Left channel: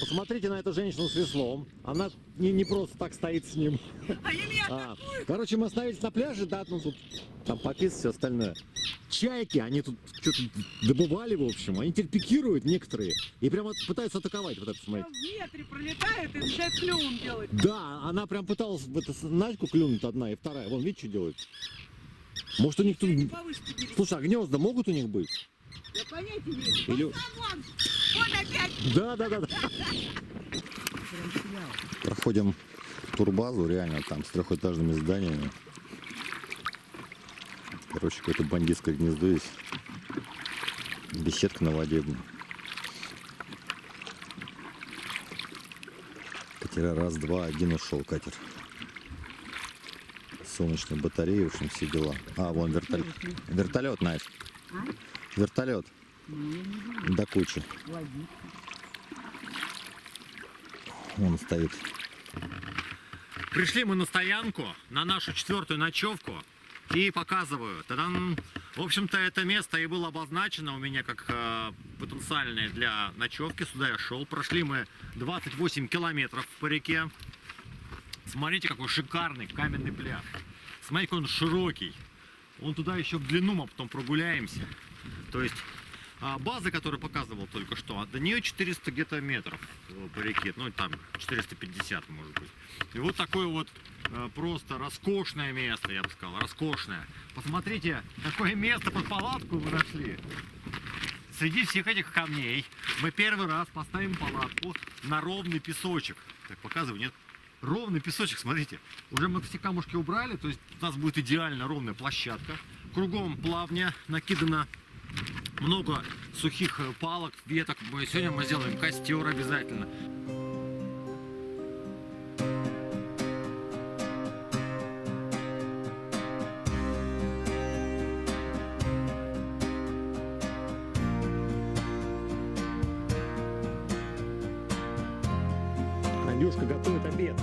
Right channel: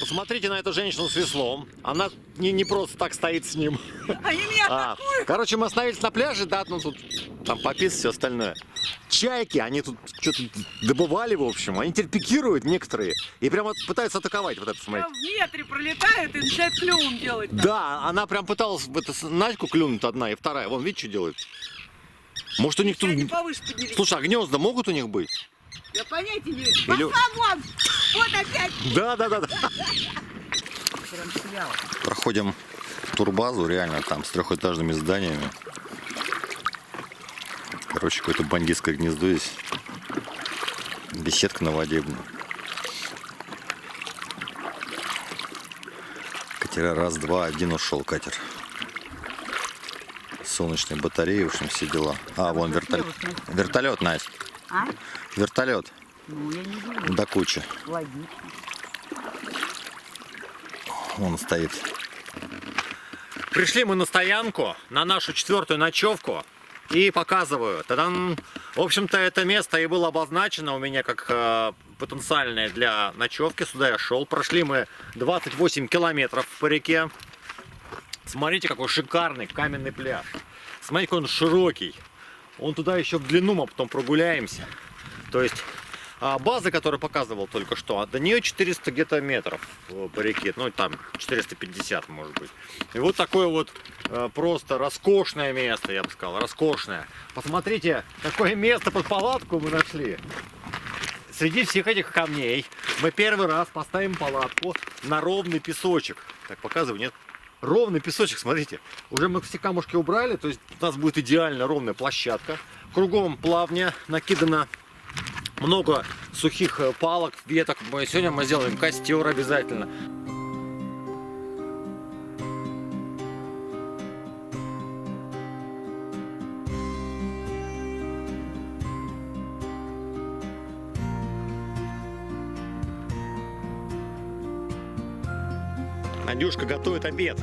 Посмотрите на эту женщину с веслом. Она не просто так стоит с ним. Они меня атакуют. Короче, мы остановились на пляже, да, ну тут там пописать, все остальное. Чайки, они тут что-то добывали, в общем. Они теперь пикируют некоторые. И прямо пытаются атаковать. Вот это, смотрите. Прям в метре пролетает и начинает клювом делать. Да, она прям пыталась в эту Надьку клюнуть одна и вторая. Вон, видите, что делает? Может, у них тут... Они повыше поднялись. Слушай, а гнезда могут у них быть? Я понятия не имею. Или- Пошла вон! Вот опять! Да. Прям снял. Проходим турбазу, реально, там с трехэтажными зданиями. Короче, какое-то бандитское гнездо здесь. Беседка на воде. Катера раз, два, один ушел катер. Солнечные батареи, в общем, все дела. А, вон вертолет. Вертолет, Настя. А? Вертолет. Ну, я не знаю. До кучи. Логично. Он стоит. Пришли мы на стоянку, на нашу 4-ю ночевку. И показываю. Та-дам! В общем-то, это место и было обозначено у меня как потенциальное для ночевки. Сюда я шел. Прошли мы 28 километров по реке. Смотрите, какой шикарный каменный пляж. Смотрите, какой он широкий. Он туда еще в длину, мы потом прогуляемся. То есть база, которую показывал только что, до нее 400 где-то метров по реке. Ну, там 450, может быть. И вот такое вот просто роскошное место, я бы сказал. Роскошное. Посмотрите, какое место под палатку мы нашли. Среди всех этих камней мы первый раз поставим палатку на ровный песочек. Так, показываю, нет? Ровный песочек, смотрите. Уже мы все камушки убрали, то есть у нас будет идеально ровная площадка. Кругом плавня, накидано много сухих палок, веток. Сегодня мы сделаем костер обязательно. Надюшка готовит обед.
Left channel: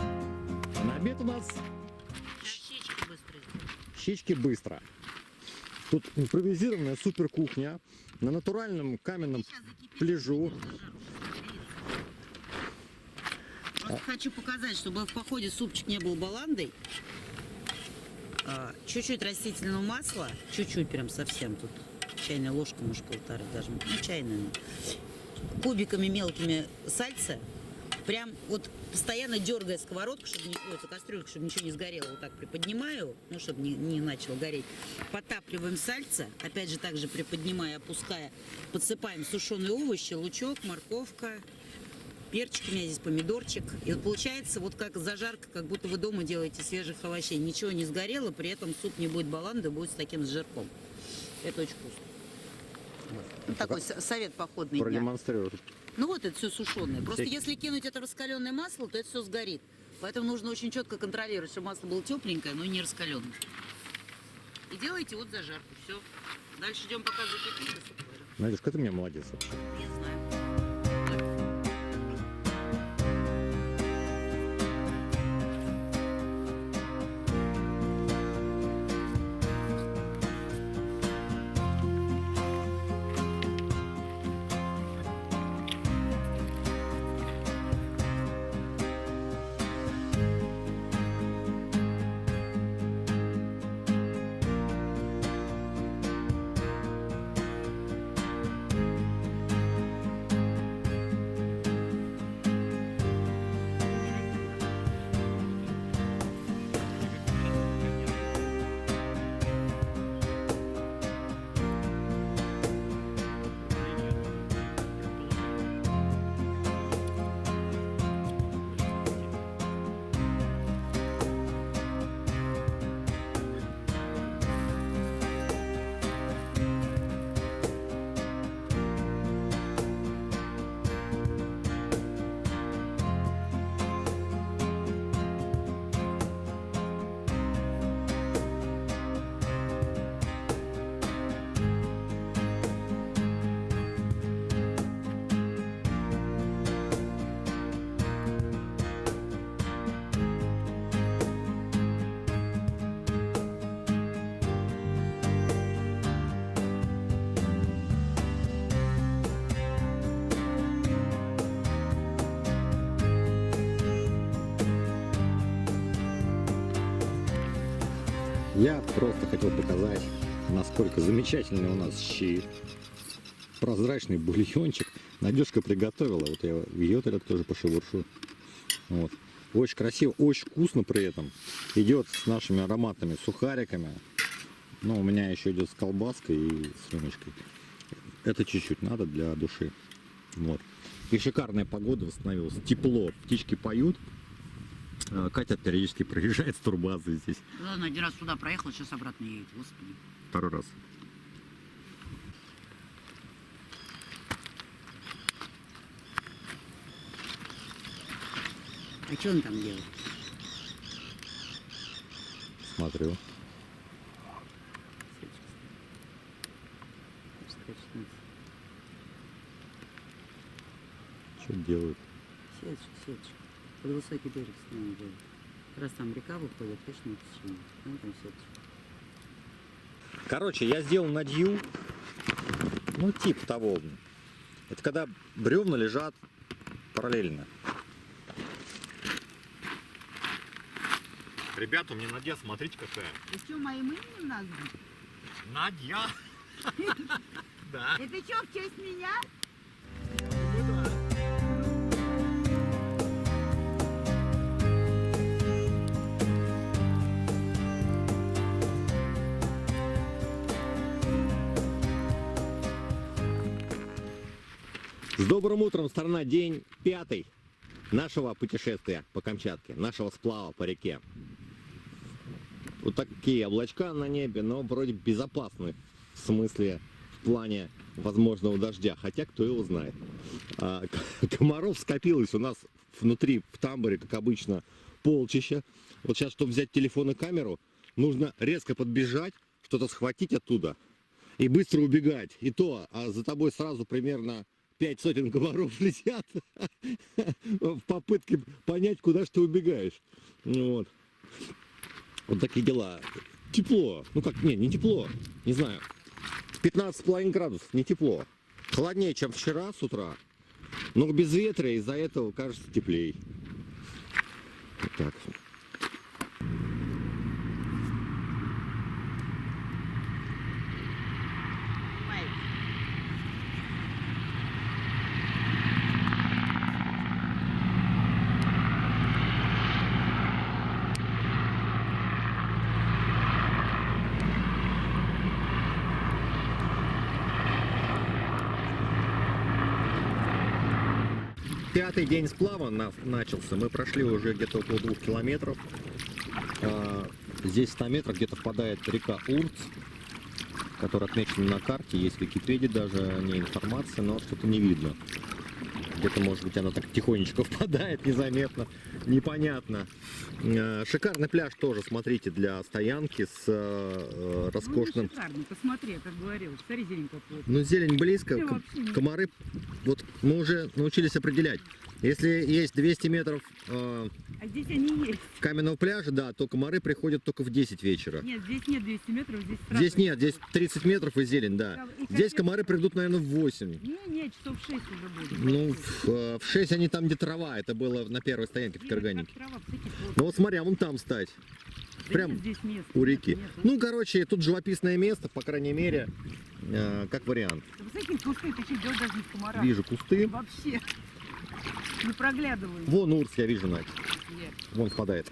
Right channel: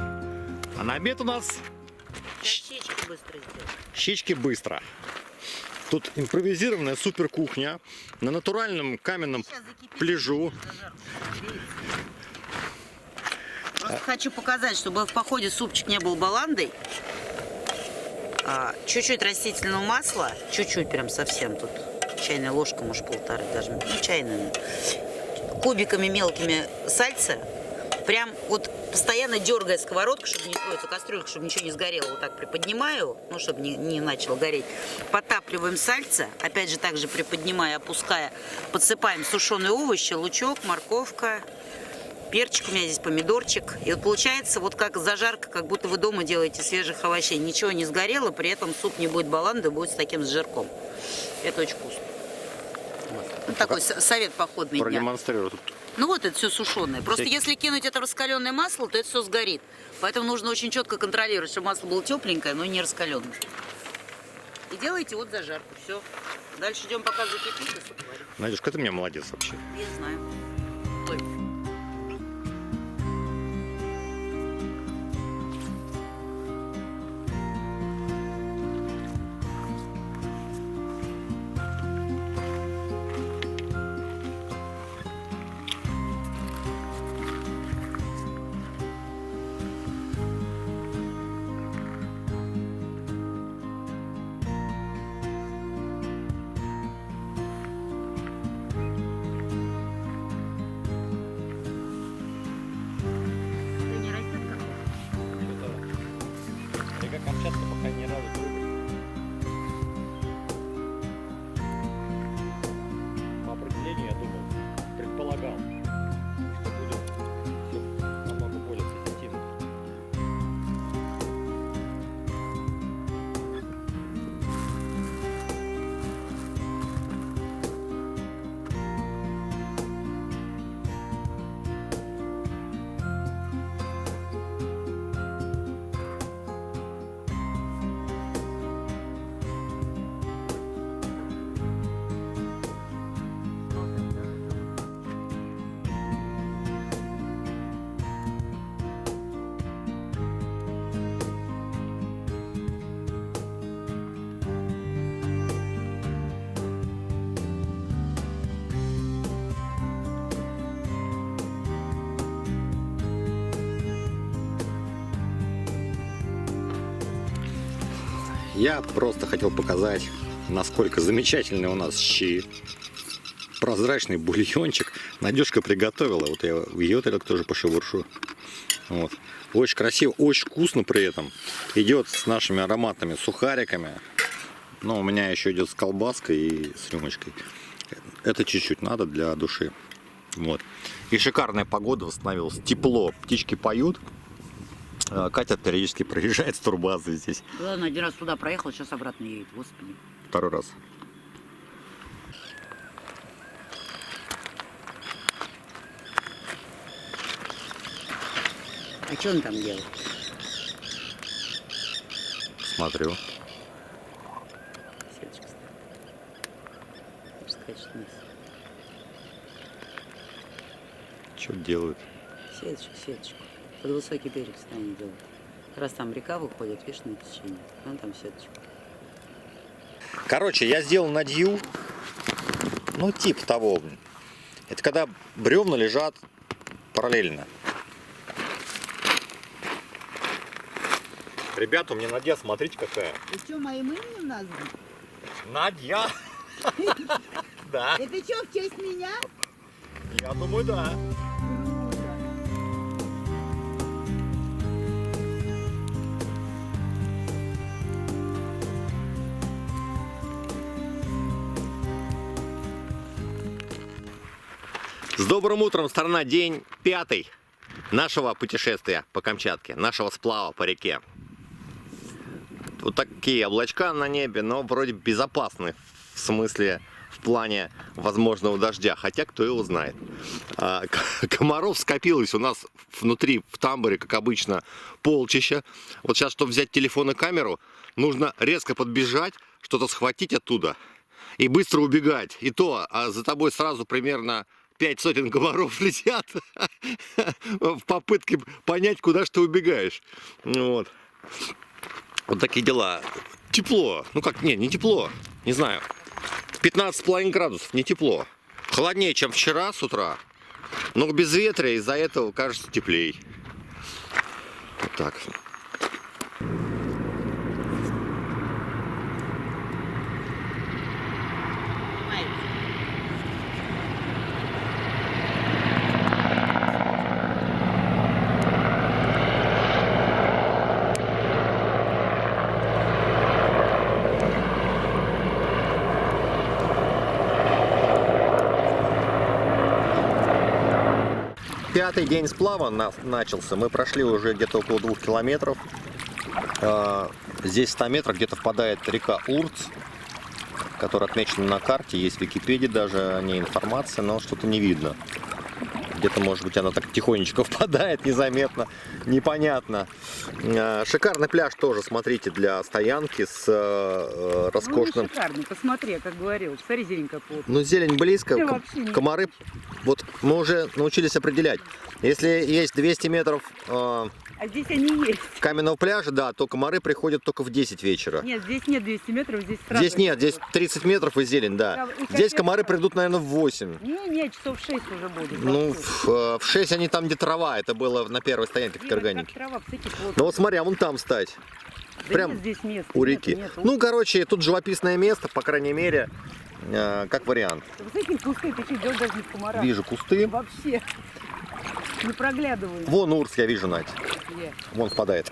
А на обед у нас Щечки быстро сделать. щечки быстро. Тут импровизированная супер кухня на натуральном каменном пляжу. Просто хочу показать, чтобы в походе супчик не был баландой. Чуть-чуть растительного масла, чуть-чуть прям совсем тут. Чайная ложка, может, полторы даже. Ну, чайная. Кубиками мелкими сальца. Прям вот постоянно дергая сковородку, чтобы не эту кастрюльку, чтобы ничего не сгорело. Вот так приподнимаю, ну, чтобы не начало гореть. Потапливаем сальце. Опять же, также приподнимая, опуская. Подсыпаем сушеные овощи, лучок, морковка. Перчик у меня здесь, помидорчик. И вот получается вот как зажарка, как будто вы дома делаете свежих овощей. Ничего не сгорело, при этом суп не будет баланды, будет с таким с жирком. Это очень вкусно. Вот такой совет походный дня. Продемонстрирую. Ну вот это все сушеное. Просто если кинуть это в раскаленное масло, то это все сгорит. Поэтому нужно очень четко контролировать, чтобы масло было тепленькое, но не раскаленное. И делайте вот зажарку. Все. Дальше ждем, пока закипит, и суп варим. Надюшка, ты у меня молодец вообще. Я знаю. Я просто хотел показать, насколько замечательный у нас щи. Прозрачный бульончик. Надежка приготовила. Вот я ее тоже пошебуршу. Вот. Очень красиво, очень вкусно при этом. Идет с нашими ароматными сухариками. Но у меня еще идет с колбаской и с рюмочкой. Это чуть-чуть надо для души. Вот. И шикарная погода восстановилась. Тепло, птички поют. Катя периодически проезжает с турбазы здесь. Ладно, один раз туда проехал, сейчас обратно едет, господи. Второй раз. А что он там делает? Смотрю. Сеточка скачет вниз. Что делают? Сеточку. Под высокий берег станет делать. Как раз там река выходит, видишь, на течение. Вон там сеточку. Короче, я сделал надью. Ну, типа того. Это когда бревна лежат параллельно. Ребята, у меня Надя, смотрите какая. И что, моим именем назван? Надя! Да, Это что, в честь меня? я думаю, да. С добрым утром, страна, день 5 нашего путешествия по Камчатке, нашего сплава по реке. Вот такие облачка на небе, но вроде безопасны, в смысле, в плане возможного дождя, хотя кто его знает. Комаров скопилось у нас внутри, в тамбуре, как обычно, полчища. Вот сейчас, чтобы взять телефон и камеру, нужно резко подбежать, что-то схватить оттуда и быстро убегать. И то, за тобой сразу примерно 5 сотен комаров летят в попытке понять, куда ж ты убегаешь. Вот. Вот такие дела. Тепло. Ну как, не тепло. Не знаю. 15,5 градусов, не тепло. Холоднее, чем вчера с утра. Но без ветра, из-за этого кажется теплей. Вот так. Пятый день сплава начался. Мы прошли уже где-то около 2 километров. Здесь в 100 метрах где-то впадает река Урц, которая отмечена на карте. Есть в Википедии даже о ней информация, но что-то не видно. Где-то, может быть, она так тихонечко впадает, незаметно, непонятно. Шикарный пляж тоже, смотрите, для стоянки с роскошным... Ну, шикарный, посмотри, как говорил. Смотри, зеленькая плотная. Ну, зелень близко, Я вообще не- комары, вот мы уже научились определять. Если есть 200 метров А здесь они есть. каменного пляжа, да, то комары приходят только в 10 вечера. Нет, здесь нет 200 метров, здесь сразу. Здесь нет, здесь 30 метров и зелень, да. И Здесь капец комары сразу. придут, наверное, в 8. Не, часов 6 уже будет. Ну, в 6 они там, где трава, это было на первой стоянке в Карганике. Ну вот смотри, а вон там стать, прям здесь место, у нет, реки. нет. Ну, короче, тут живописное место, по крайней мере, как вариант. Высокие кусты, ты что, делаешь даже не в комарах. Вижу кусты. Вообще. Не проглядываю. Вон Урс, я вижу, Надь. Где? Вон впадает.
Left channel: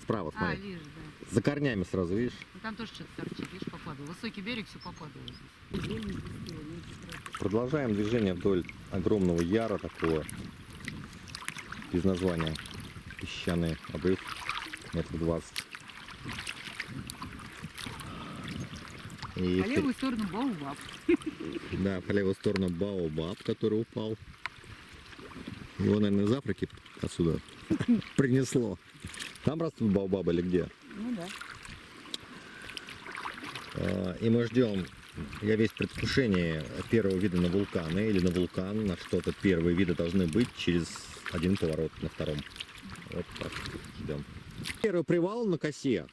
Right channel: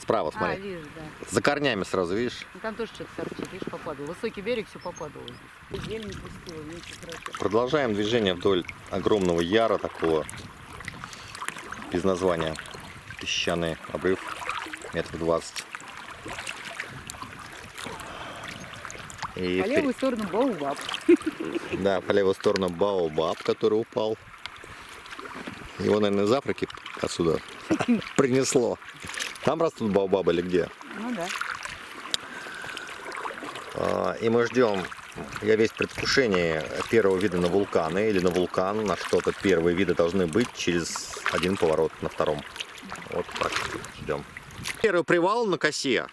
Справа, А, смотри. вижу, да. За корнями сразу, видишь? Ну, там тоже что-то торчит, видишь, попадало. Высокий берег, все попадало здесь. Зелень пустила, меньше красиво. Продолжаем движение вдоль огромного яра такого, без названия. Песчаный обрыв, метров 20. И По левую сторону Баобаб. да, по левую сторону Баобаб, который упал. Его, наверное, из Африки отсюда принесло. Там растут баобабы или где? Ну да. И мы ждем, я весь в предвкушении первого вида на вулканы или на вулкан, на что-то. Первые виды должны быть через один поворот на втором. Вот так ждем. Первый привал на косе.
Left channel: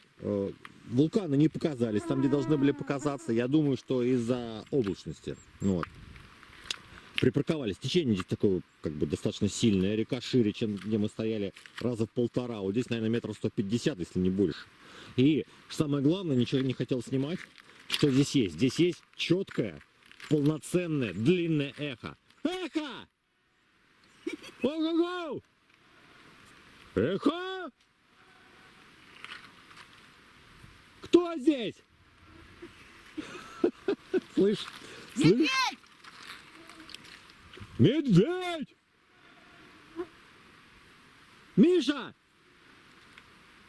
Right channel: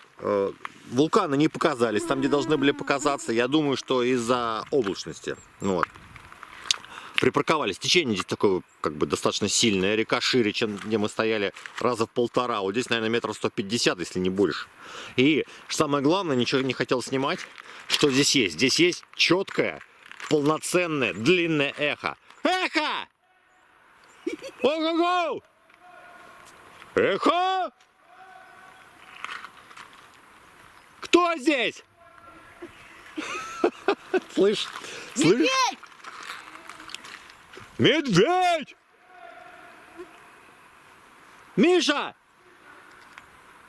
Вулканы не показались там, где должны были показаться. Я думаю, что из-за облачности. Вот. припарковались. Течение здесь такое, как бы, достаточно сильное. Река шире, чем где мы стояли, раза в 1,5. Вот здесь, наверное, метров 150, если не больше. И самое главное, ничего не хотел снимать, что здесь есть. Здесь есть четкое, полноценное, длинное эхо. Эхо! Ого-го! Эхо! Кто здесь? Слышь? Слышь? Медведь! Миша!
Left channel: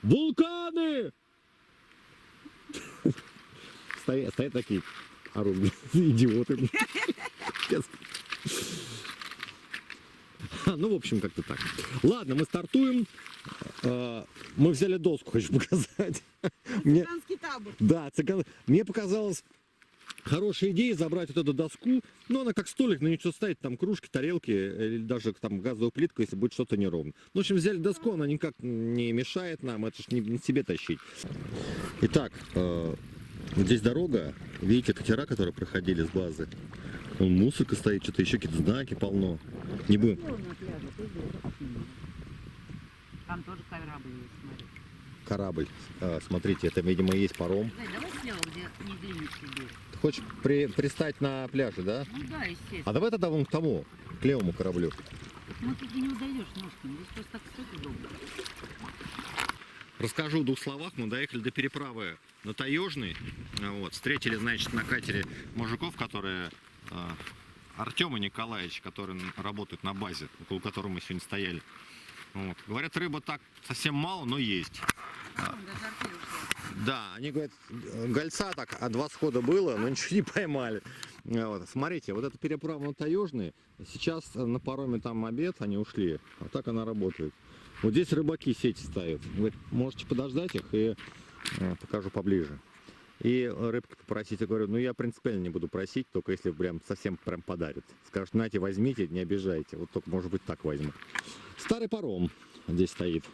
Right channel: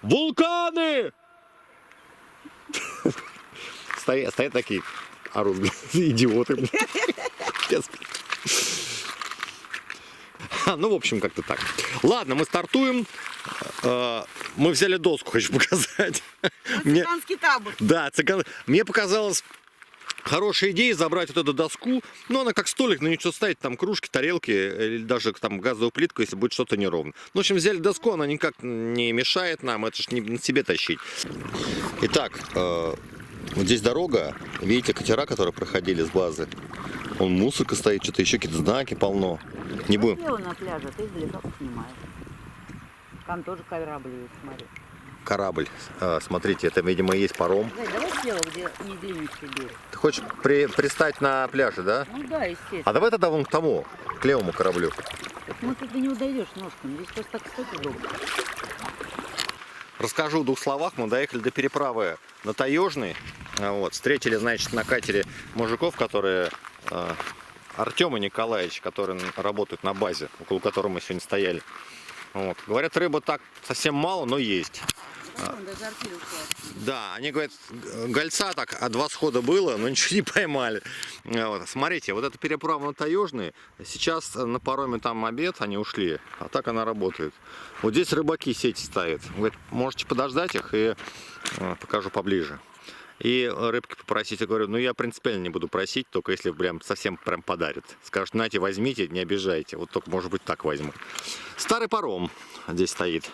Вулканы! Стоят такие, орут, идиоты. Ну, в общем, как-то так. Ладно, мы стартуем. Мы взяли доску, хочу показать. Цыганский табор. Да, мне показалось хорошая идея забрать вот эту доску. Но она как столик, на нее что ставить, там кружки, тарелки, или даже там газовую плитку, если будет что-то неровно. Ну, в общем, взяли доску, она никак не мешает нам, это ж не на себе тащить. Итак, вот здесь дорога, видите, катера, которые проходили с базы. Вон мусорка стоит, что-то еще какие-то знаки полно. Не будем. Я на пляже, ты издалека снимаешь. Там тоже корабль есть, смотри. Корабль. Смотрите, это, видимо, и есть паром. Зай, давай слева, где не длиннющий берег. Ты хочешь пристать на пляже, да? Ну да, естественно. А давай тогда вон к тому, к левому кораблю. Мы тут не удойдешь ножками, здесь просто так стать удобно. Расскажу в 2 словах. Мы доехали до переправы на Таежный. Вот. Встретили, значит, на катере мужиков, которые... Артем и Николаевич, которые работают на базе, около которой мы сегодня стояли. Вот. Говорят, рыба так совсем мало, но есть. Даже артель ушла. Да, они говорят, гольца так 2 схода было, но ничего не поймали. Вот. Смотрите, вот эта переправа на Таежный, сейчас на пароме там обед, они ушли, а так она работает. Вот здесь рыбаки сети ставят. Говорят, можете подождать их и покажу поближе. И рыбки попросить, я говорю, ну я принципиально не буду просить, только если прям совсем прям подарят. Скажут, нате, возьмите, не обижайте. Вот только, может быть, так возьму. Старый паром здесь стоит.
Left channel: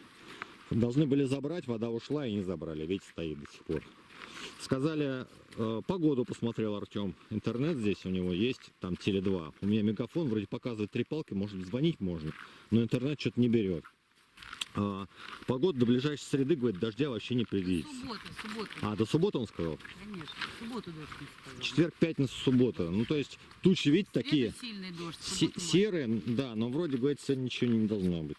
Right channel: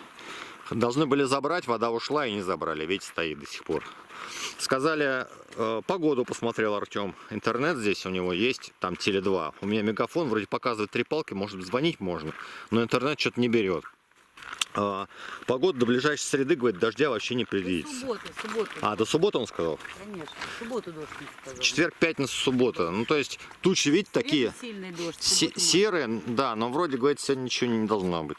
Должны были забрать, вода ушла и не забрали. Видите, стоит до сих пор. Сказали, погоду посмотрел Артем. Интернет здесь у него есть, там Теле2. У меня мегафон, вроде показывает 3 палки, может звонить можно, но интернет что-то не берет. Погода до ближайшей среды, говорит, дождя вообще не предвидится. Субботу. А, до субботы он сказал? Конечно, в субботу дождь не сказал. Четверг, пятница, суббота. Ну, то есть тучи, видите, такие Сильный дождь. серые, да, но вроде, говорит, сегодня ничего не должно быть.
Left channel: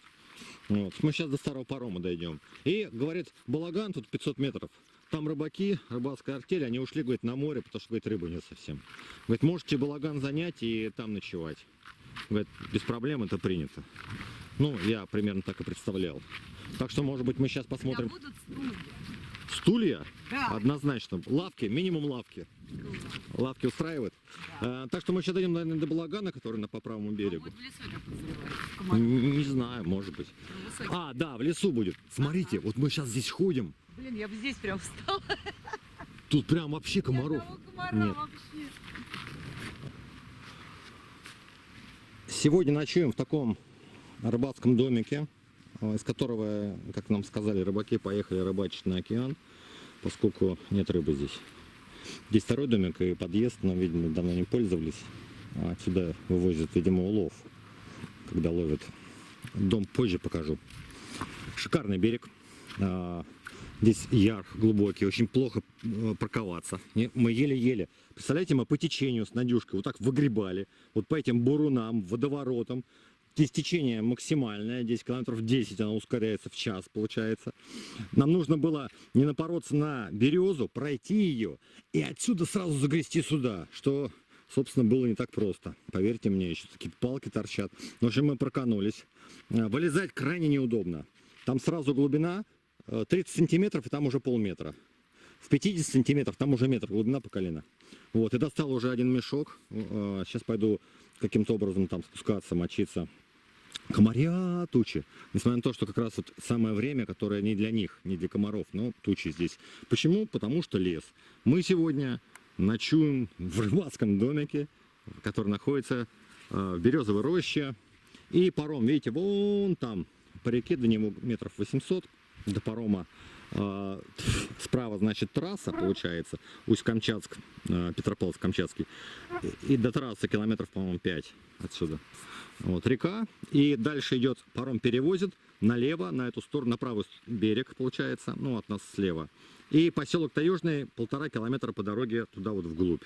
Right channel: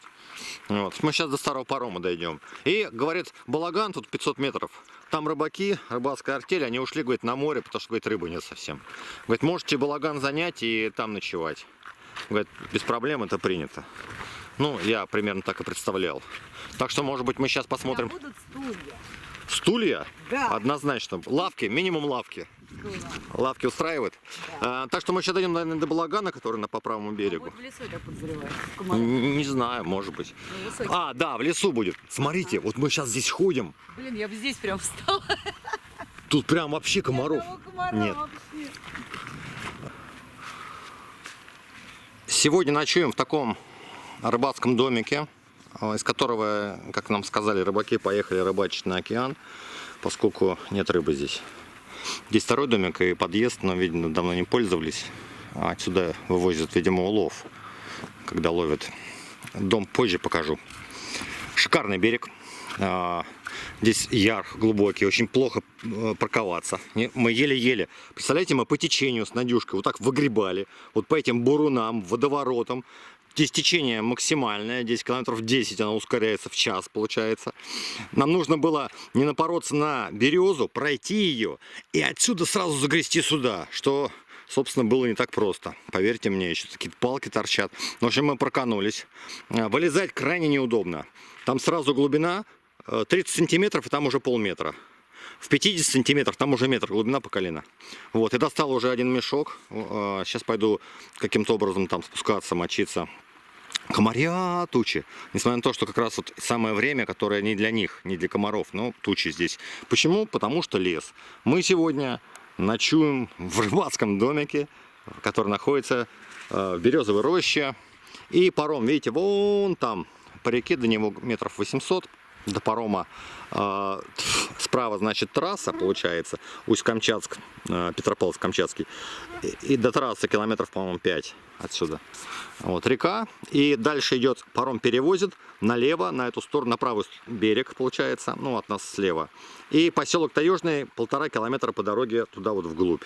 Вот. Мы сейчас до старого парома дойдем. И, говорит, Балаган, тут 500 метров. Там рыбаки, рыбацкая артель, они ушли, говорит, на море, потому что, говорит, рыбы нет совсем. Говорит, можете Балаган занять и там ночевать. Говорит, без проблем, это принято. Ну, я примерно так и представлял. Так что, может быть, мы сейчас посмотрим. Будут стулья. Стулья? Да. Однозначно. Лавки, минимум лавки. Лавки устраивают. Да. Так что мы сейчас дойдем, наверное, до Балагана, который по правому берегу. Вот в лесу, я так подозреваю. Не знаю, может быть. А, да, в лесу будет. Смотрите, вот мы сейчас здесь ходим. Блин, я бы здесь прям встала. Тут прям вообще комаров. Нет. Вообще. Сегодня ночуем в таком рыбацком домике, из которого, как нам сказали, рыбаки поехали рыбачить на океан, поскольку нет рыбы здесь. Здесь 2-й домик и подъезд, но, видимо, давно не пользовались. Отсюда вывозят, видимо, улов, когда ловят. Дом позже покажу. Шикарный берег. Здесь яр глубокий, очень плохо парковаться. Мы еле-еле. Представляете, мы по течению с Надюшкой вот так выгребали. Вот по этим бурунам, водоворотам. Здесь течение максимальное, 10 километров 10, она ускоряется в час, получается. Нам нужно было не напороться на березу, пройти ее и отсюда сразу загрести сюда, что, собственно, было не так просто. Поверьте мне, еще какие-то палки торчат. В общем, мы проканулись. Вылезать крайне неудобно. Там сразу глубина 30 сантиметров, и там уже полметра. В 50 сантиметрах там уже метр, глубина по колено. Вот, и достал уже 1 мешок. Сейчас пойду каким-то образом там спускаться, мочиться. Комарья тучи. Несмотря на то, что как раз вот самое время, которое не для них, не для комаров, но тучи здесь. Почему? Потому что лес. Мы сегодня ночуем в рыбацком домике, который находится в березовой роще. И паром, видите, вон там по реке, до него метров 800. до парома. Справа, значит, трасса, получается, Усть-Камчатск, Петропавловск-Камчатский. И до трассы километров, по-моему, 5 отсюда. Вот река. И дальше идет, паром перевозит налево, на эту сторону, на правый берег, получается, ну, от нас слева. И поселок Таежный 1,5 километра по дороге туда вот вглубь.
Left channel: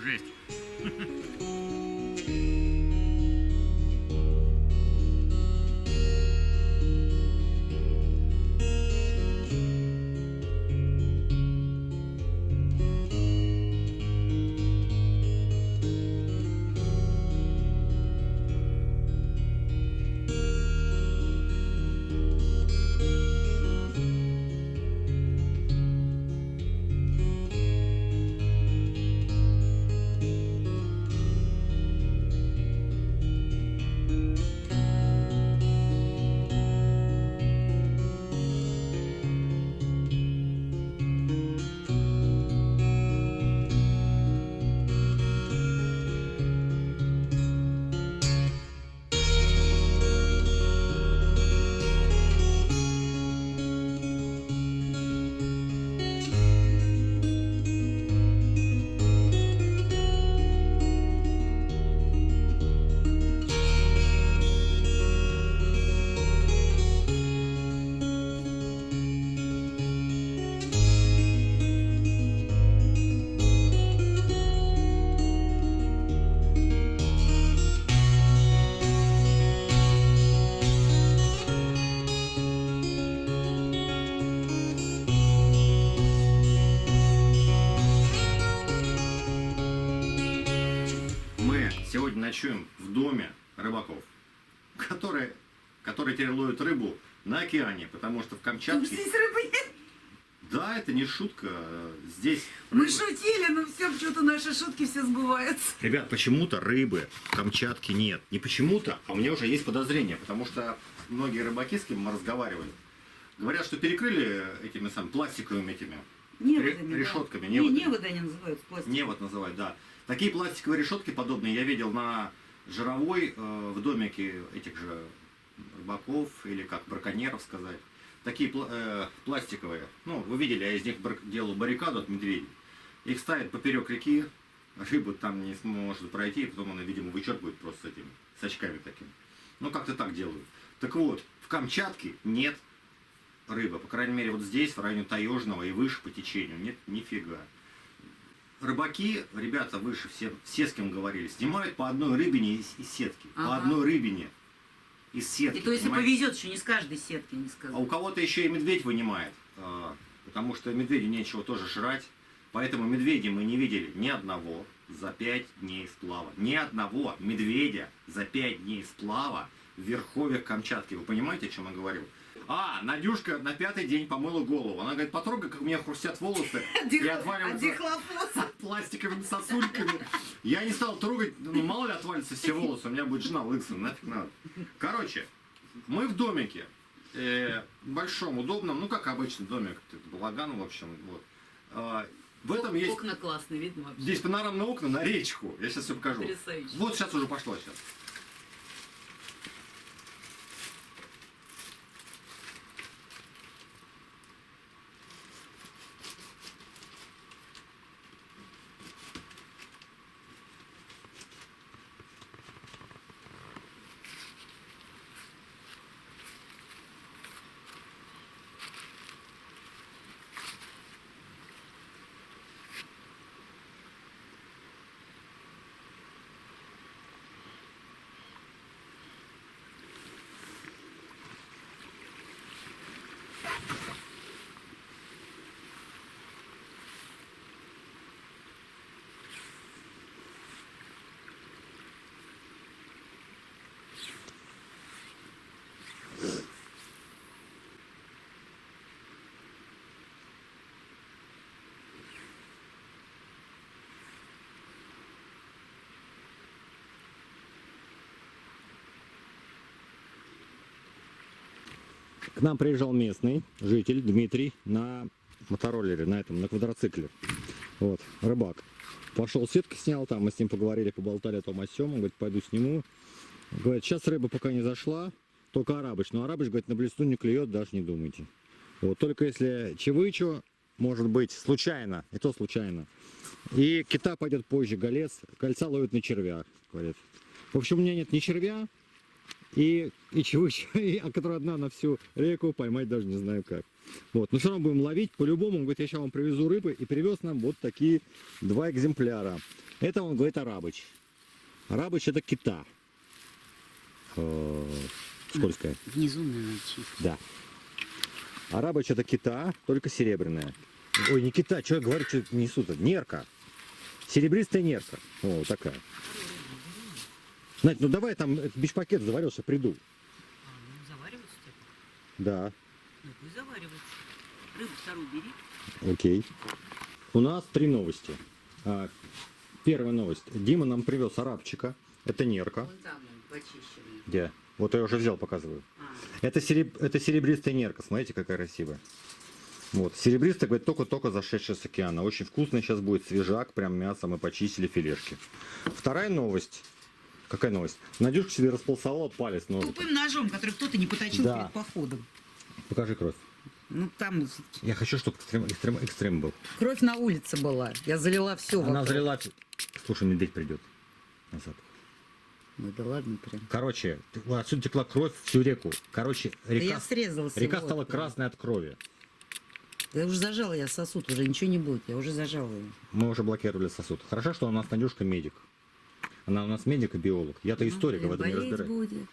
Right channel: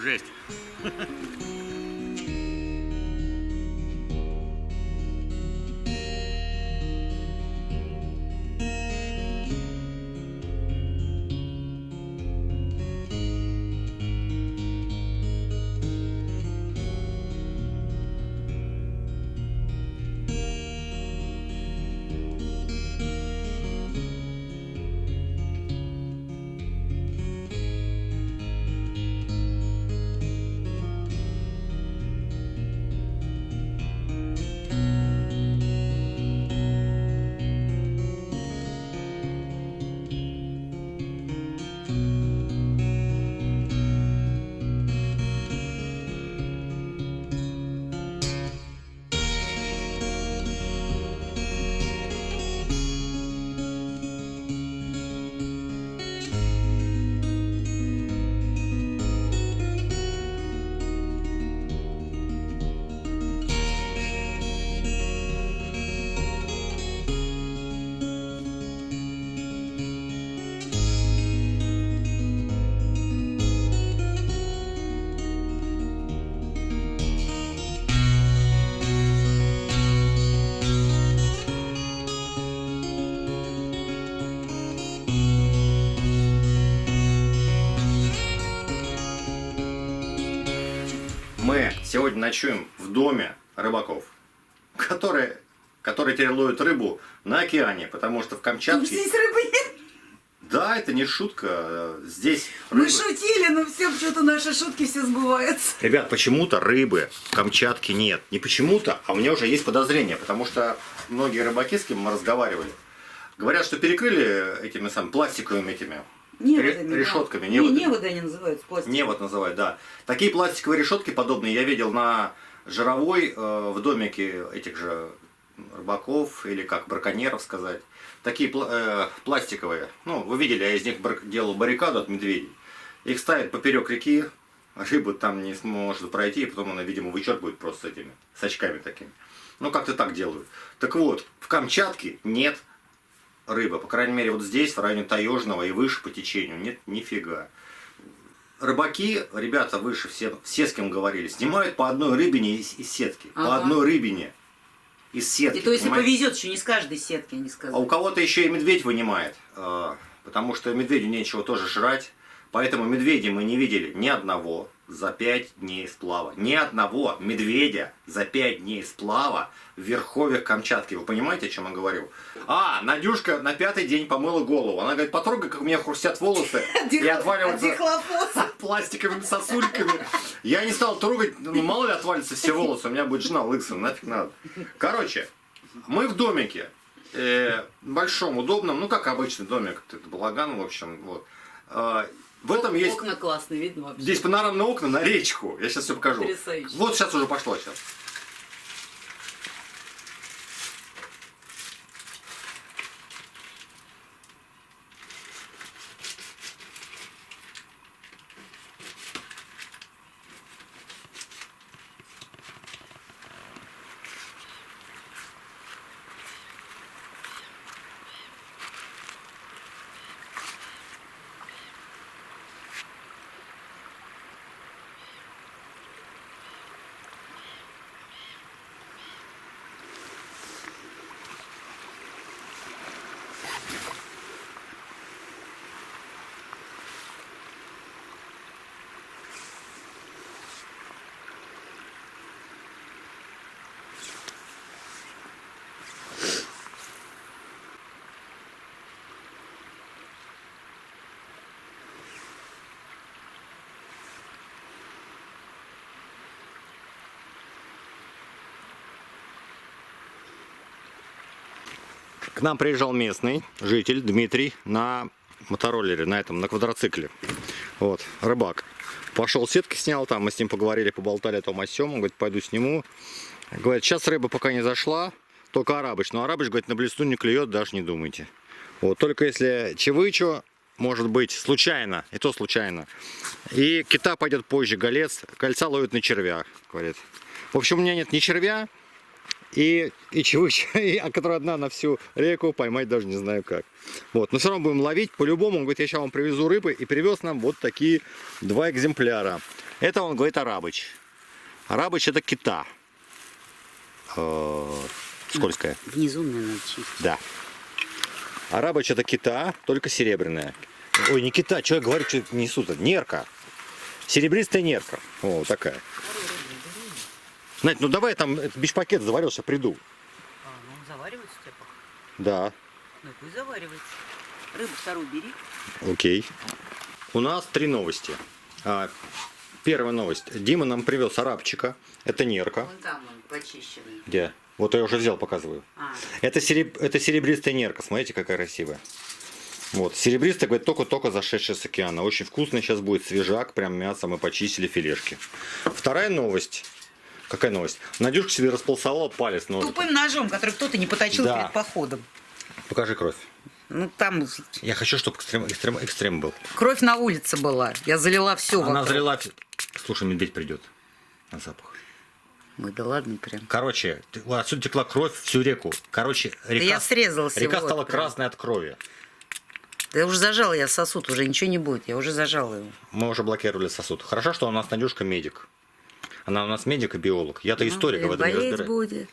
Жесть. Мы сегодня ночуем в доме рыбаков, которые теперь ловят рыбу на океане, потому что в Камчатке... Здесь рыбы нет. Да, это не шутка. Здесь Мы рыбы... шутили, но все, что-то наши шутки все сбываются. Ребят, почему-то рыбы в Камчатке нет. Не почему-то, а у меня уже есть подозрение, потому что многие рыбаки, с кем мы разговаривали, говорят, что перекрыли этими самыми пластиковыми этими Неводами, решетками. Да. Неводами. Неводы они называются, пластик. Невод называют, да. Такие пластиковые решетки подобные я видел на Жировой, в домике этих же рыбаков, или как браконьеров сказать. Такие пластиковые. Ну, вы видели, я из них делал баррикаду от медведей. Их ставят поперек реки, рыба там не сможет пройти, и потом она, видимо, вычерпывает просто этими, с очками такими. Ну, как-то так делают. Так вот, в Камчатке нет рыбы. По крайней мере, вот здесь, в районе Таежного и выше по течению, нет нифига. Рыбаки, ребята выше, все с кем говорили, снимают по одной рыбине из сетки. По Ага. одной рыбине из сетки. И то, если понимаете? повезет, еще не с каждой сетки, они А у сказали. кого-то еще и медведь вынимает, потому что медведю нечего тоже жрать. Поэтому медведя мы не видели ни одного за 5 дней сплава. Ни одного медведя за 5 дней сплава в верховьях Камчатки. Вы понимаете, о чем я говорю? Надюшка на 5-й день помыла голову. Она говорит, потрогай, как у меня хрустят волосы и отваливаются пластиковыми сосульками. Я не стал трогать, ну мало ли отвалится все волосы, у меня будет жена лысая, нафиг надо. Короче, мы в домике, большом, удобном, ну как обычный домик, это балаган, в общем, вот. В этом есть, Окна классные, видно вообще. здесь панорамные окна на речку, я сейчас все покажу. Потрясающе. Вот сейчас уже пошло сейчас. К нам приезжал местный житель Дмитрий на мотороллере, на квадроцикле. Вот, рыбак. Пошел сетки снял, там мы с ним поговорили, поболтали о том о сём. Он говорит, пойду сниму. Говорит, сейчас рыба пока не зашла, только арабыч. Но арабыч, говорит, на блесну не клюет, даже не думайте. Вот, только если чевычу, может быть, случайно, и то случайно. И кита пойдет позже, голец, кольца ловит на червя, говорит. В общем, у меня нет ни червя, и чевыча, которая одна на всю реку, поймать даже не знаю как. Вот, но все равно будем ловить по-любому. Он говорит, я сейчас вам привезу рыбы, и привез нам вот такие 2 экземпляра. Это, он говорит, арабыч. Арабыч это кита. Скользкая. Внизу мне надо чистить. Да. Арабыч это кита, только серебряная. Ой, не кита, что я говорю, что несут? Нерка. Серебристая нерка. О, такая. Надь, ну давай там бич-пакет заварился, приду. А, ну заваривается у тебя пока? Да, Ну пусть заваривается. Рыбу вторую бери. окей. У нас 3 новости. Первая новость. Дима нам привез арабчика. Это нерка. Вон там он почищенный. Где? Вот я уже взял, показываю. А, Это серебристая нерка. Смотрите, какая красивая. Вот. Серебристая, говорит, только-только зашедшая с океана. Очень вкусно сейчас будет, свежак, прям мясо. Мы почистили филешки. Вторая новость. Какая новость? Надюшка себе располосовала палец ножиком. тупым ножом, который кто-то не поточил Да. перед походом. Покажи кровь. Ну там Я хочу, чтобы экстрем был. кровь на улице была. Я залила все. Она залила... Слушай, медведь придет на запах. Ой, да ладно прям. Короче, отсюда текла кровь всю реку. Короче, река, я срезала река всего стала прям. красной от крови. Да уже зажала я сосуд, уже ничего не будет. Я уже зажала его. Мы уже блокировали сосуд. Хорошо, что у нас Надюшка медик. Она у нас медик и биолог. Я-то историк, Ну, в этом не болеть разбираюсь. будет.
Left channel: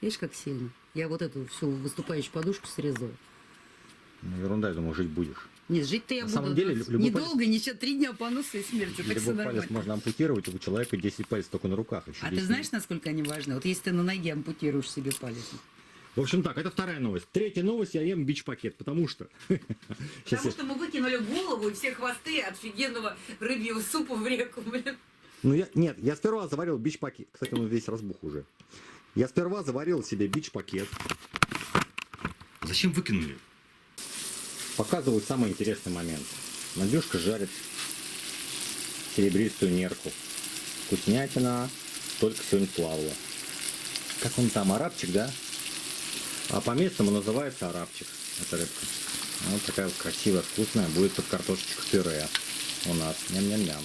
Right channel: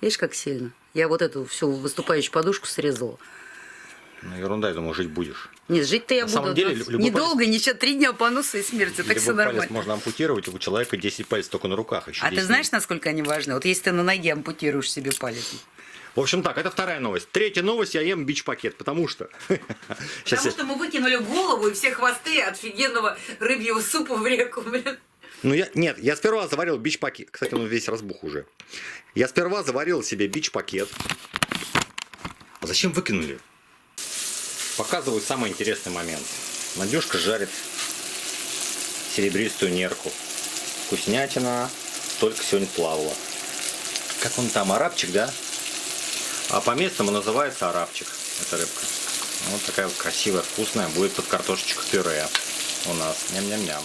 Видишь, как сильно. Я вот эту всю выступающую подушку срезала. Ну, ерунда, я думаю, жить будешь. Нет, жить-то я На самом буду. деле, но любой недолго, ничего, 3 дня поноса и смерти. Так все Любой палец нормально. можно ампутировать, у человека 10 пальцев только на руках. Еще А ты 10 знаешь, насколько они важны? Вот если ты на ноге ампутируешь себе палец. В общем так, это вторая новость. Третья новость, я ем бич-пакет, потому что... Сейчас Потому что мы выкинули голову и все хвосты офигенного рыбьего супа в реку, блин. Ну, я сперва заварил бич-пакет. Кстати, он весь разбух уже. Я сперва заварил себе бич-пакет. А зачем выкинули? Показываю самый интересный момент. Надюшка жарит серебристую нерку. Вкуснятина только сегодня плавала. Как он там, арабчик, да? А по-местному называется арабчик. Эта рыбка. Вот такая вот красивая, вкусная. Будет под картошечку пюре у нас. Ням-ням-ням.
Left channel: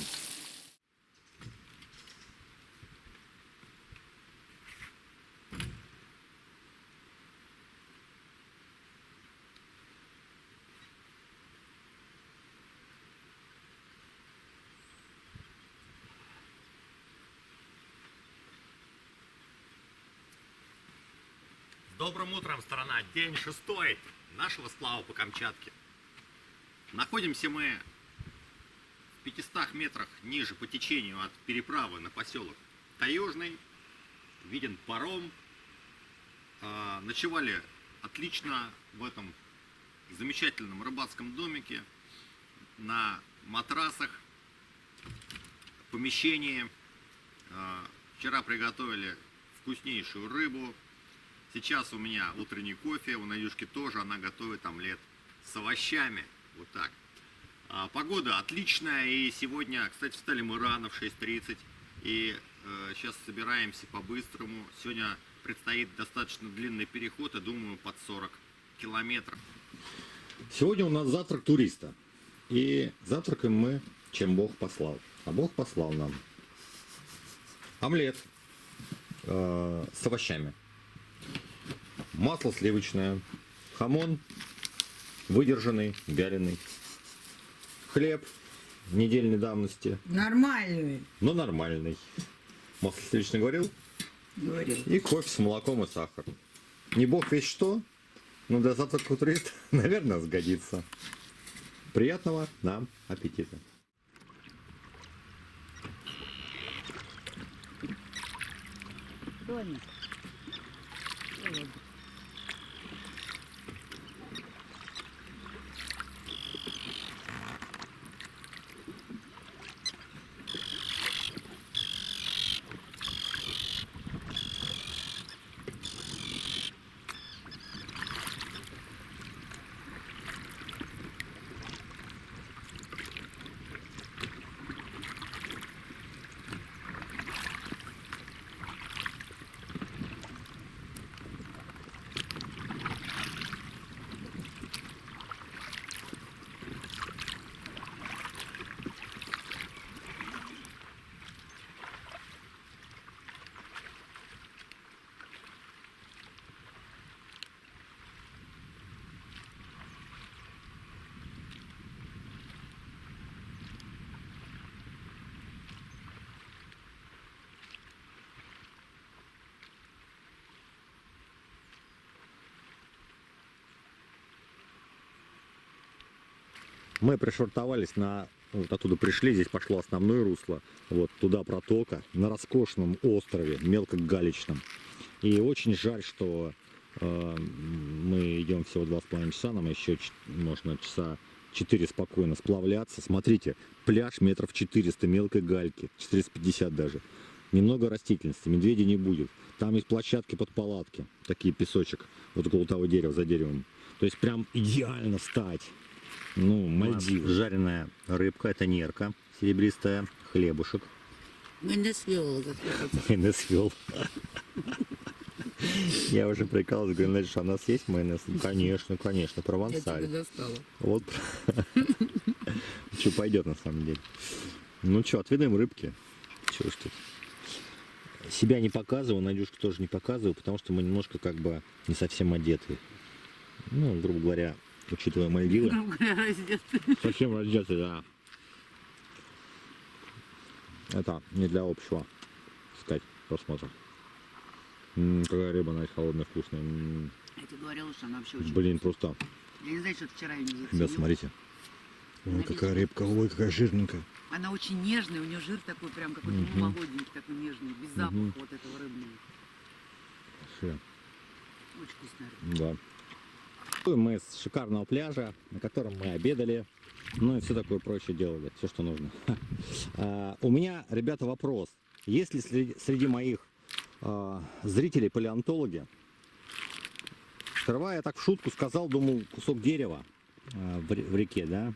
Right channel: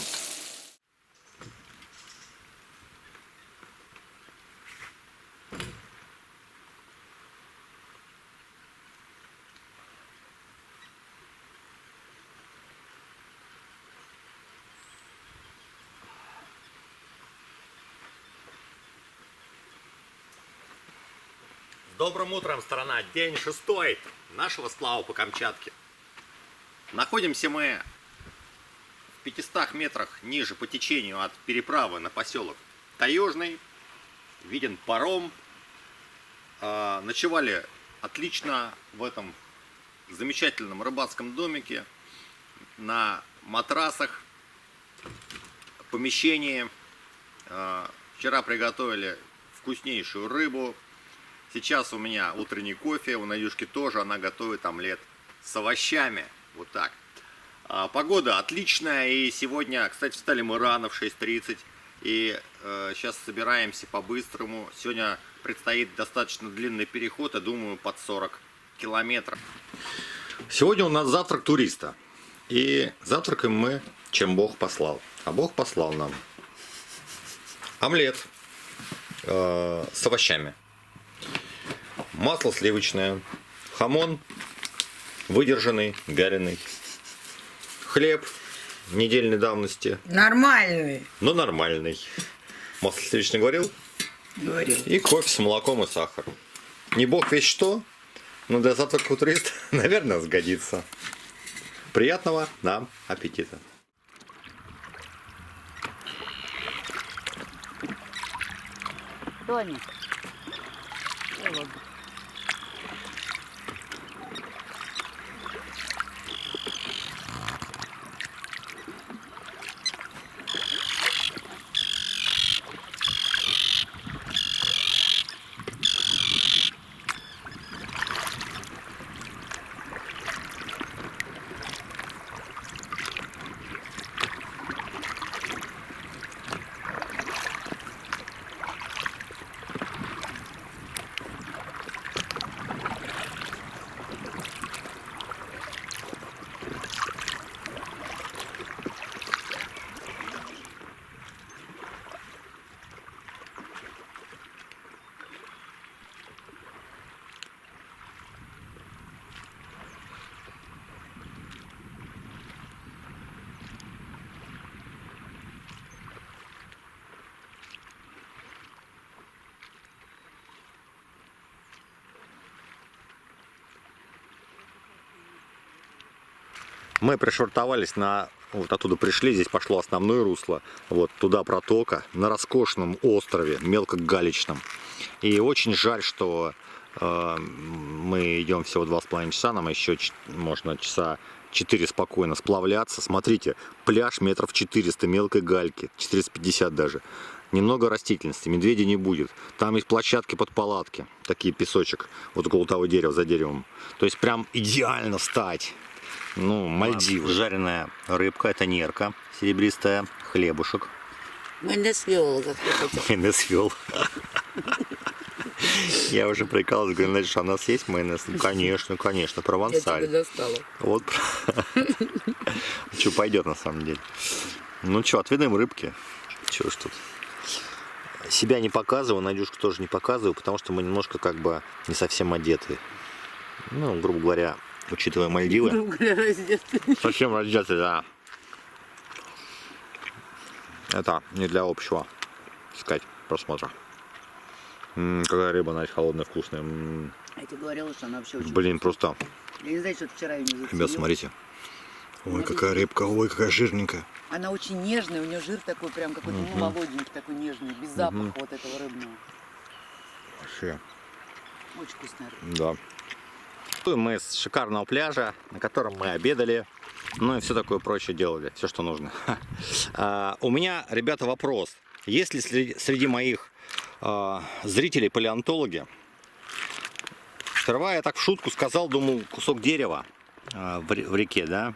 С добрым утром, страна! День 6 нашего сплава по Камчатке. Находимся мы в 500 метрах ниже по течению от переправы на поселок Таежный. Виден паром. Ночевали отлично в этом замечательном рыбацком домике. На матрасах, помещении. Вчера приготовили вкуснейшую рыбу. Сейчас у меня утренний кофе, у Надюшки тоже, она готовит омлет с овощами. Вот так. Погода отличная, и сегодня, кстати, встали мы рано, в 6:30, и сейчас собираемся по-быстрому. Сегодня предстоит достаточно длинный переход, я думаю, под 40 километров. Сегодня у нас завтрак туриста, и завтракаем мы, чем Бог послал. А Бог послал нам омлет с овощами. Масло сливочное, хамон выдержанный, вяленый, хлеб недельной давности, Нормальный. но нормальный. Масло сливочное говорил? Говорил. И кофе с молоком и сахар. Не бог весь что, но для завтрака у туриста, наверное, сгодится. Приятного нам аппетита. Кто они? Ладно. Мы пришвартовались на... Вот оттуда пришли, здесь пошло основное русло. Вот туда протока, на роскошном острове, мелкогалечном. И очень жаль, что мы идем всего 2,5 часа, нам еще можно часа 4 спокойно сплавляться. Смотрите, пляж метров 400 мелкой гальки, 450 даже. Немного растительности, медведя не будет. Там есть площадки под палатки, такие песочек, вот около того дерева, за деревом. То есть прям идеально встать. Ну, Мальдивы. Жареная рыбка, это нерка серебристая, хлебушек. Майонез виола, как я хотела. Майонез вел. Я уже прикалываюсь, говорю, значит, у нас есть майонез? Ну, конечно, конечно, Я провансаль. тебя достала. Вот. Что пойдет на самом деле. Ну что, отведаем рыбки. Чего ж тут. Себя не показываю, Надюшку тоже не показываю, потому что мы немножко как бы не совсем одеты. Ну, грубо говоря, учитывая Мальдивы. Грубо говоря, раздетый. Совсем раздеты, да. Это не для общего, так сказать, просмотра. Какая рыба, Надя, холодная, вкусная. Я тебе говорила, что она вообще очень Блин, вкусная. просто. Я не знаю, что ты вчера ее не заценил. Ребят, смотрите. Ой, Она какая везде. рыбка, ой, какая жирненькая. Она очень нежная, у нее жир такой прям какой-то ну, молоденький, такой нежный, без запаха вот этого рыбного. Вообще, Очень вкусная рыба. да. Мы с шикарного пляжа, на котором мы обедали, ну и все такое прочее делали, все, что нужно. У меня, ребята, вопрос. Есть ли среди моих зрителей палеонтологи? Сперва я так в шутку сказал, думал, кусок дерева в реке, да?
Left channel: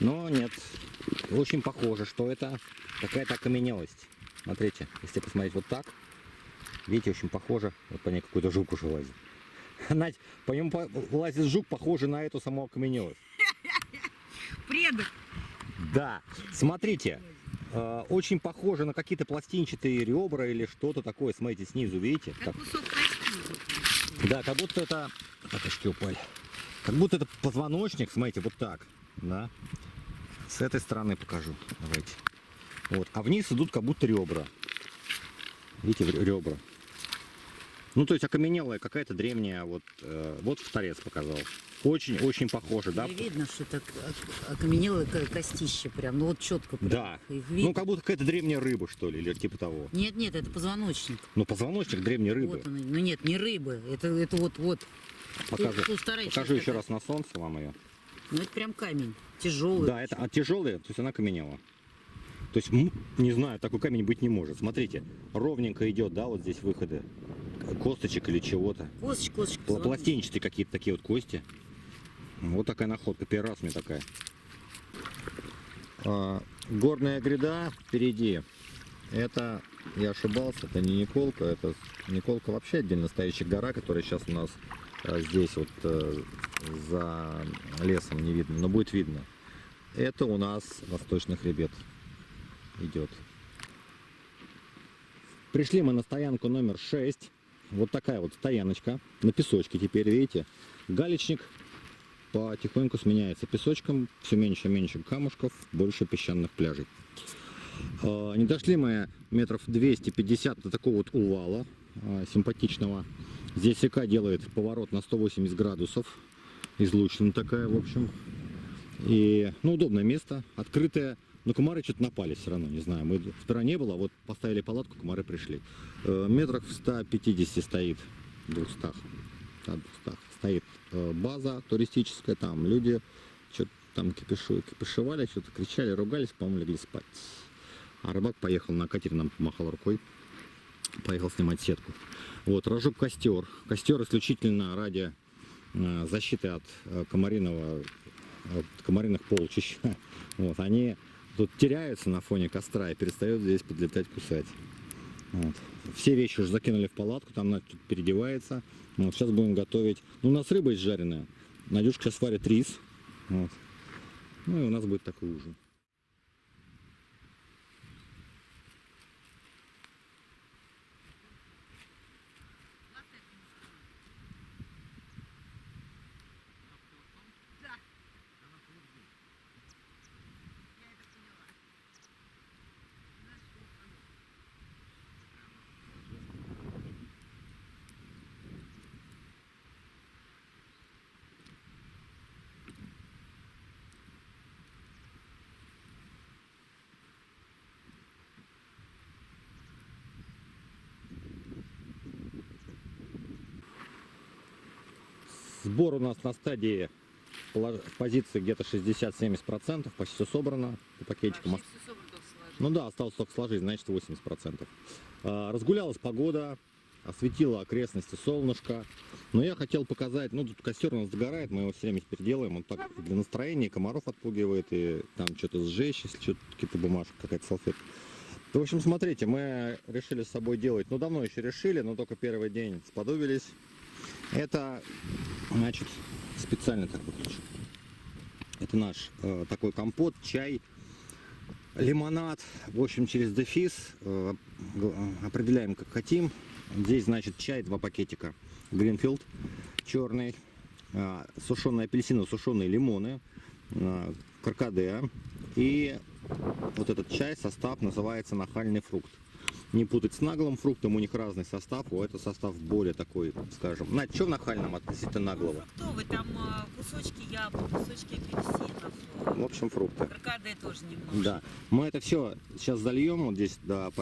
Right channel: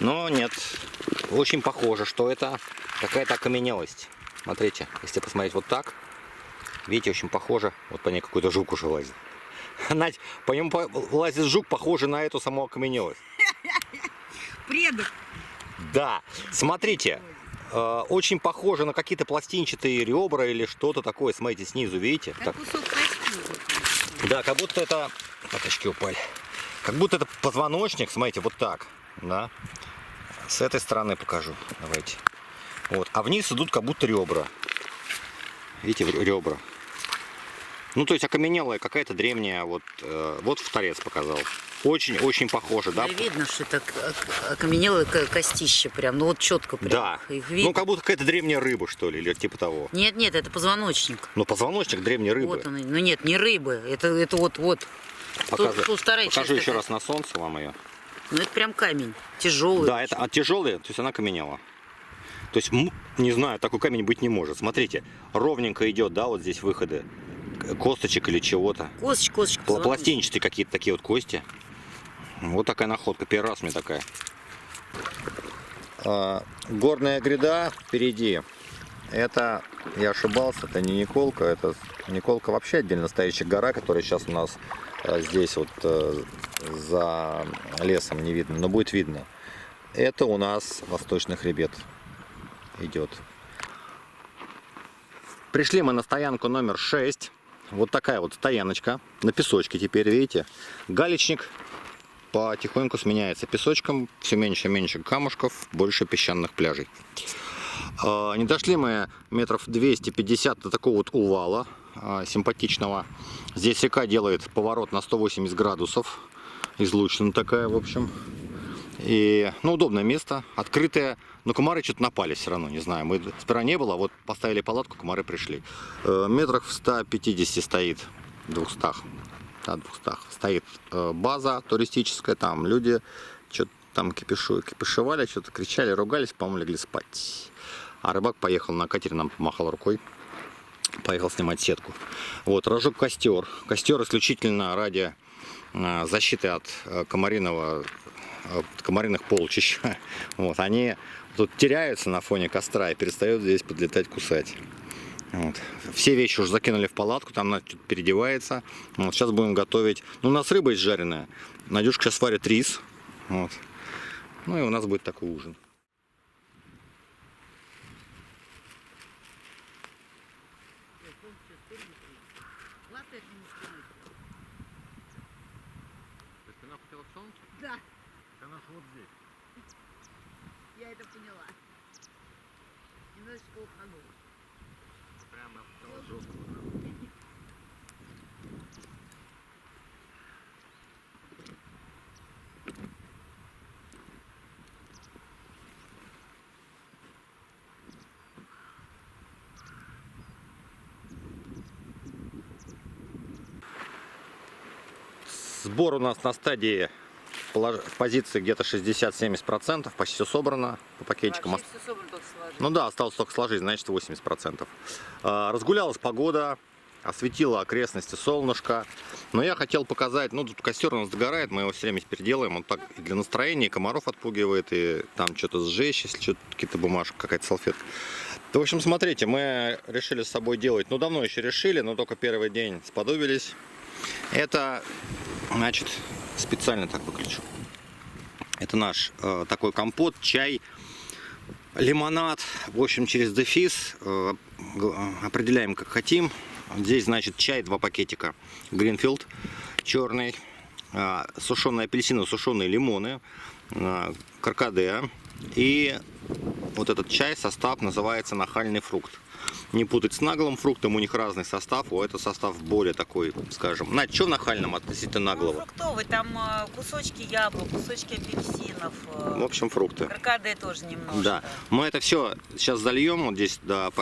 Но нет, очень похоже, что это какая-то окаменелость. Смотрите, если посмотреть вот так, видите, очень похоже, вот по ней какой-то жук уже лазит. Надь, по нему лазит жук, похожий на эту саму окаменелость. Предок. Да, смотрите, очень похоже на какие-то пластинчатые ребра или что-то такое. Смотрите, снизу, видите? Как кусок кости. Да, как будто это... Пяточки упали. Как будто это позвоночник, смотрите, вот так. Да. С этой стороны покажу. Давайте. Вот. А вниз идут как будто ребра. Видите, ребра. Ну, то есть окаменелая какая-то древняя, вот, вот в торец показал. Очень-очень похоже, да? Да, видно, что это окаменелое костище прям, ну вот четко прям. Да. Их видно. Ну, как будто какая-то древняя рыба, что ли, или типа того. Нет, нет, это позвоночник. Ну, позвоночник древней рыбы. Вот он. Ну нет, не рыбы. Это вот. Тут вторая часть Покажу еще такая. раз на солнце вам ее. Ну это прям камень. Тяжелый. Да, это тяжелая, то есть она каменела. То есть, не знаю, такой камень быть не может. Смотрите, ровненько идет, да, вот здесь выходы косточек или чего-то. Косточка, позвоночник. Пластинчатые какие-то такие вот кости. Вот такая находка, первый раз мне такая. Горная гряда впереди. Это, я ошибался, это не Николка, это Николка вообще отдельно стоящая гора, которая сейчас у нас здесь вот за лесом не видно, но будет видно. Это у нас восточный хребет идет. Пришли мы на стоянку номер 6. Вот такая вот стояночка на песочке теперь, видите. Галечник потихоньку сменяется песочком, все меньше и меньше камушков, больше песчаных пляжей. Не дошли мы метров 250 до такого вот увала симпатичного. Здесь река делает поворот на 180 градусов. Излучина такая, в общем. И, ну, удобное место, открытое. Но комары что-то напали все равно, не знаю. Мы сперва не было, вот поставили палатку, комары пришли. Метрах в 150 стоит, 200. Да, 200. Стоит база туристическая, там люди что-то там кипишевали, что-то кричали, ругались, по-моему, легли спать. А рыбак поехал на катере, нам помахал рукой. Поехал снимать сетку. Вот, разжег костер. Костер исключительно ради защиты от комариных полчищ. Вот, они тут теряются на фоне костра и перестают здесь подлетать, кусать. Вот. Все вещи уже закинули в палатку, там она переодевается. Вот, сейчас будем готовить. Ну, у нас рыба есть жареная. Надюшка сейчас варит рис. Вот. Ну и у нас будет такой ужин. Да. Я это поняла. Немножечко ухожу. Сбор у нас на стадии в позиции где-то 60-70%. Почти все собрано по пакетикам. Вообще все собрано, только сложить. Ну да, осталось только сложить, значит 80%. Разгулялась погода, осветила окрестности солнышко. Но я хотел показать, ну тут костер у нас догорает, мы его все время теперь делаем. Он так и для настроения, и комаров отпугивает, и там что-то сжечь, если что-то, какие-то бумажки, какая-то салфетка. В общем, смотрите, мы решили с собой делать, ну давно еще решили, но только первый день сподобились. Это, значит, специально так выключу. Это наш такой компот, чай, лимонад, в общем, через дефис определяем, как хотим. Здесь, значит, чай 2 пакетика, Гринфилд черный, сушеные апельсины, сушеные лимоны, каркаде. И вот этот чай, состав называется нахальный фрукт. Не путать с наглым фруктом, у них разный состав, у этого состав более такой, скажем. Надь, что в нахальном относительно Ну, наглого? фруктовый, там кусочки яблок, кусочки апельсинов. В общем, фрукты. Каркаде тоже немножко. Да, мы это все сейчас зальем вот здесь до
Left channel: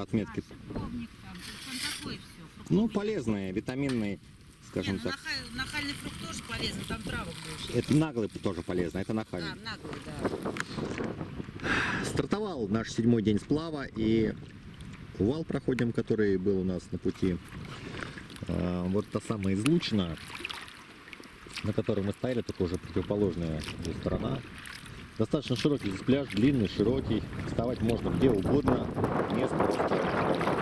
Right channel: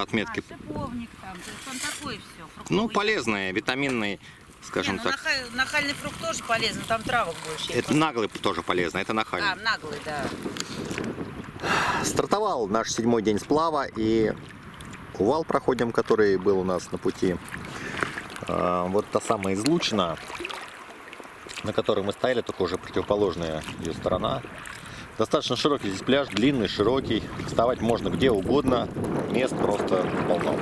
отметки. Шиповник там, то есть он такой все. Ну, полезные, витаминные, скажем Не, ну, так. нахальный фрукт тоже полезен, там травок больше. Это наглый тоже полезно, это нахальный. наглый, да. Стартовал наш 7-й день сплава, и увал проходим, который был у нас на пути. Вот та самая излучина, на которой мы стояли, только уже противоположная ее сторона. Достаточно широкий здесь пляж, длинный, широкий. Вставать можно где угодно, мест просто полно.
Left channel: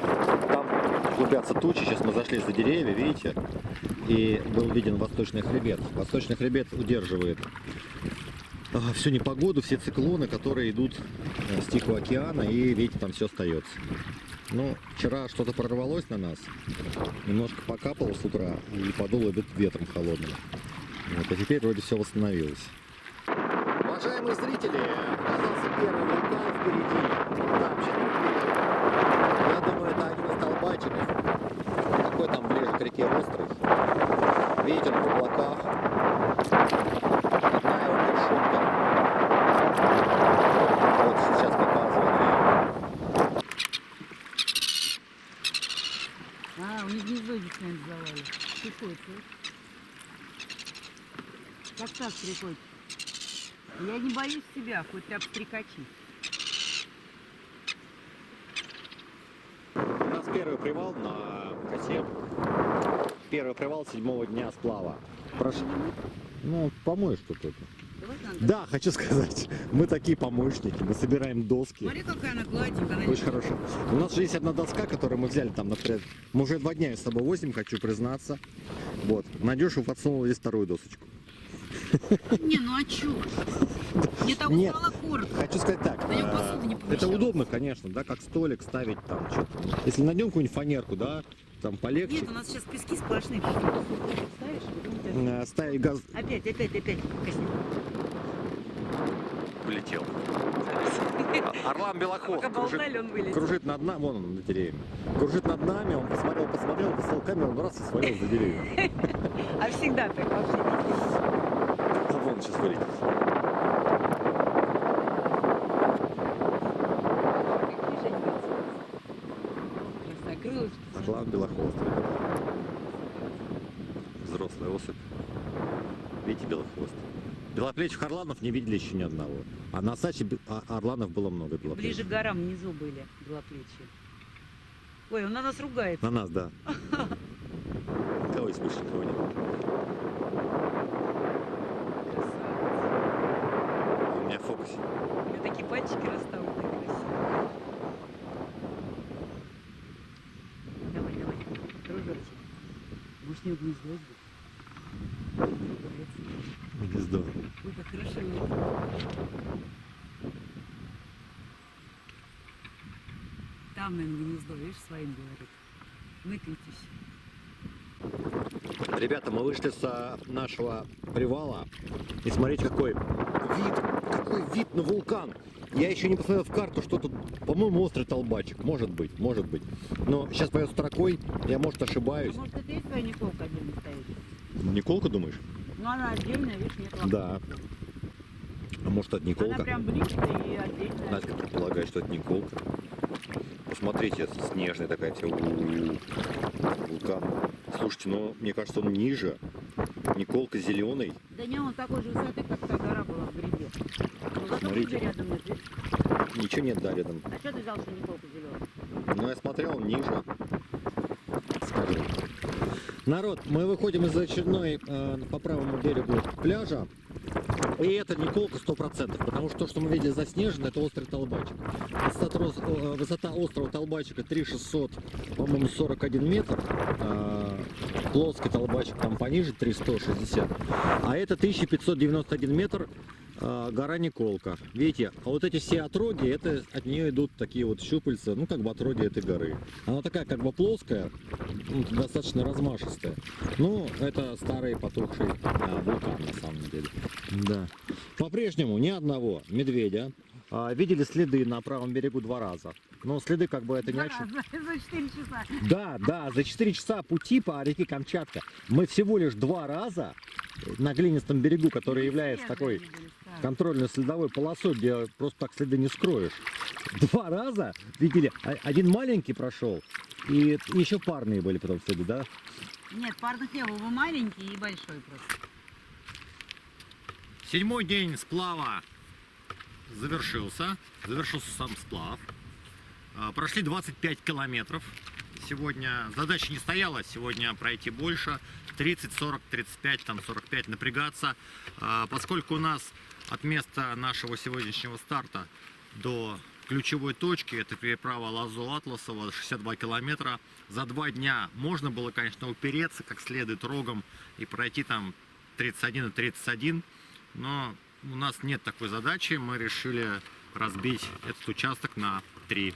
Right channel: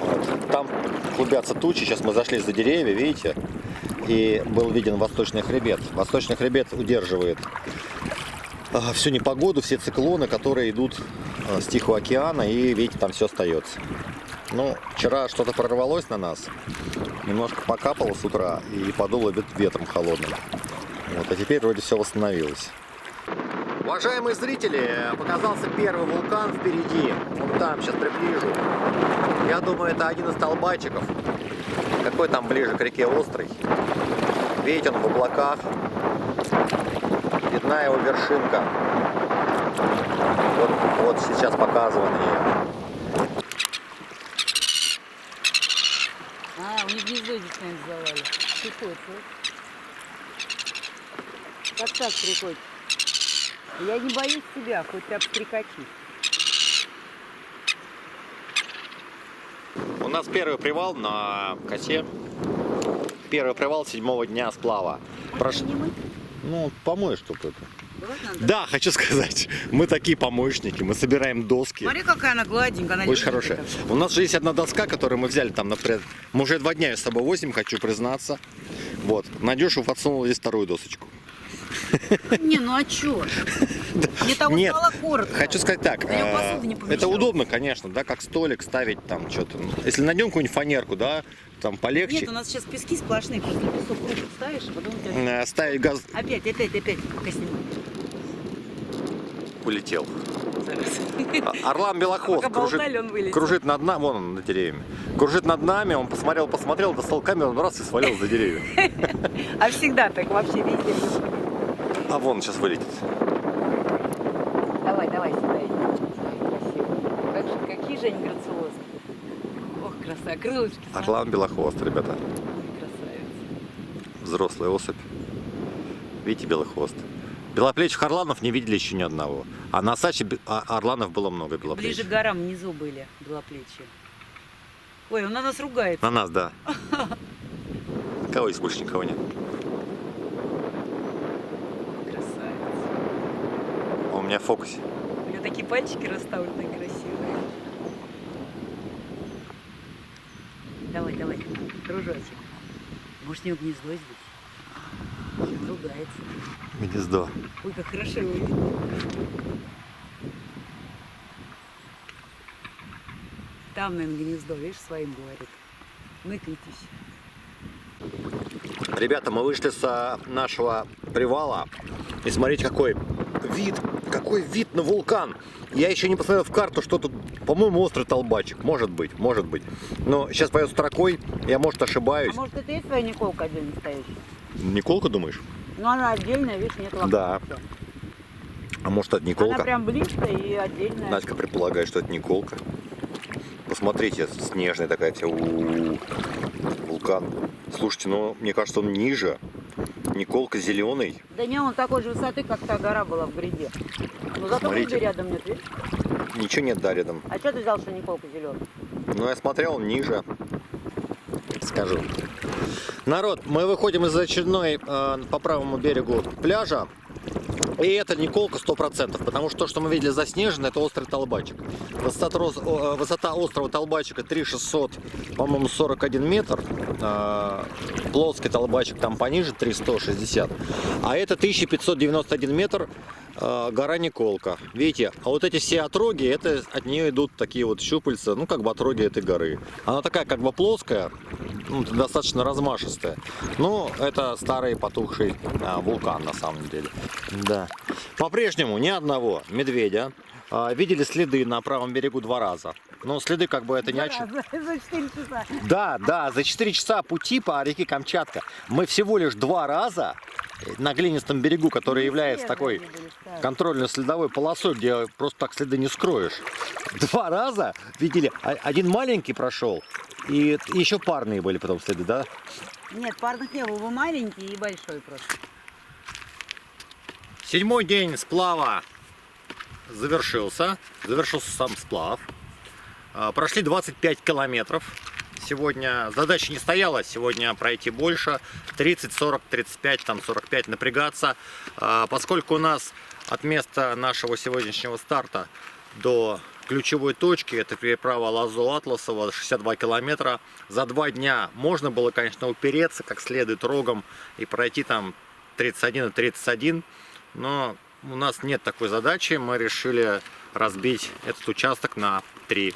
Вот. Там клубятся тучи, сейчас мы зашли за деревья, видите, и был виден восточный хребет. Восточный хребет удерживает всю непогоду, все циклоны, которые идут с Тихого океана, и видите, там все остается. Ну, вчера что-то прорвалось на нас, немножко покапало с утра и подуло ветром холодным. Вот, а теперь вроде все восстановилось. Уважаемые зрители, показался первый вулкан впереди. Вон там, сейчас приближу. Я думаю, это один из столбачиков. Какой там ближе к реке Острый. Видите, он в облаках. Видна его вершинка. Вот сейчас показываю ее. У них гнездо здесь, наверное, завали. Приходится. Как так приходит? Я не боюсь тебя, хоть ты обстрекачись. У нас первый привал на косе. Первый привал 7-го дня сплава. Не мы? Ну, помоешь, чтобы это. Давай надо. Да, хочу сказать, мы такие помощники, мы собираем доски. Смотри, какая она гладенькая. Она Очень не хорошая. У нас же есть одна доска, которую мы взяли там, например, мы уже 2 дня ее с собой возим, хочу признаться. Вот, Надюша подсунула здесь 2-ю досочку. Не, ну а чё? Мне того Нет, стало коротко. хочу сказать так, На нем посуда не это помещалась. удобно, конечно, да, как столик ставить там что-то. Если найдем какую-нибудь фанерку, да, там полегче. Нет, у нас сейчас пески сплошные, просто песок кучу ставишь, а потом у тебя... Ставить газ Опять. улетел. Орлан Белохвост Пока болтали, он вылетел. кружит над нами, вон он над деревьями. Кружит над нами, он посмотрел, достал камеру, он раз и свалил за деревья. А всегда так вообще везде. А вон сейчас вылетит. Давай, сюда. Какие же они грациозные. Ох, красавица. Крылышки. Орлан Белохвост, ребята. Взрослая особь. Видите, белохвост. Белоплечих орланов не видели еще ни одного. А на Саче орланов было много Ближе белоплечих. к горам внизу были белоплечие. Ой, он на нас ругается. На нас, да. Кого здесь больше никого нет? У меня в фокусе. У меня такие пальчики расставленные красивые. Давай, дружочек. Может, у него гнездо здесь? Он ругается. Гнездо. Ой, как хорошо его видно. Там, наверное, гнездо, видишь, своим говорит. Ныкайтесь. Ребята, мы вышли с нашего привала. И смотрите, какой вид на вулкан. Я еще не посмотрел в карту, что тут, по-моему, острый толбачик. Может быть. Но сейчас пойду строкой, я, может, ошибаюсь. А может, это и твоя Николка отдельно стоящая? Николка, думаешь? Ну, она отдельная, видишь, нет лохматки. Да. А может, это Николка? Она прям близко и отдельная. Надька предполагает, что это Николка. Посмотрите, снежная такая вся. Вулкан. Слушайте, ну, мне кажется, он ниже. Николка зеленый. Да не, он такой же высоты, как та гора была в гряде. Но зато Смотрите. Куби рядом нет, видишь? Ничего нет, да, рядом. А что ты взял, что Николка зеленый? Ну, я смотрел, он ниже. Скажу. Народ, мы выходим из очередной по правому берегу пляжа. И это Николка 100%, потому что то, что мы видели заснежено, это острый Толбачик. Высота острова Толбачика 3600, по-моему, 41 метр. Плоский Толбачик там пониже 3160. А это 1591 метр, гора Николка. Видите, а вот эти все отроги, это от нее идут такие вот щупальца, ну как бы отроги этой горы. Она такая как бы плоская, ну, достаточно размашистая. Ну, это старый потухший вулкан на самом деле. Да. По-прежнему ни одного медведя. Видели следы на правом берегу 2 раза. Но следы как бы это не очень. За 4 часа. Да, за 4 часа пути по реке Камчатка мы всего лишь 2 раза на глинистом берегу, который является такой контрольно-следовой полосой, где просто так следы не скроешь. 2 раза видели, один маленький прошел, и еще парные были потом следы, да? Нет, парных не было, вы маленький и большой просто. 7-й день сплава завершился сам сплав. Прошли 25 километров. Сегодня задача не стояла, сегодня пройти больше, 30, 40, 35, там 45 напрягаться. Поскольку у нас от места нашего сегодняшнего старта до ключевой точки, это переправа Лазо-Атласово, 62 километра, за 2 дня можно было, конечно, упереться как следует рогом и пройти там 31 и 31, но у нас нет такой задачи, мы решили разбить этот участок на 3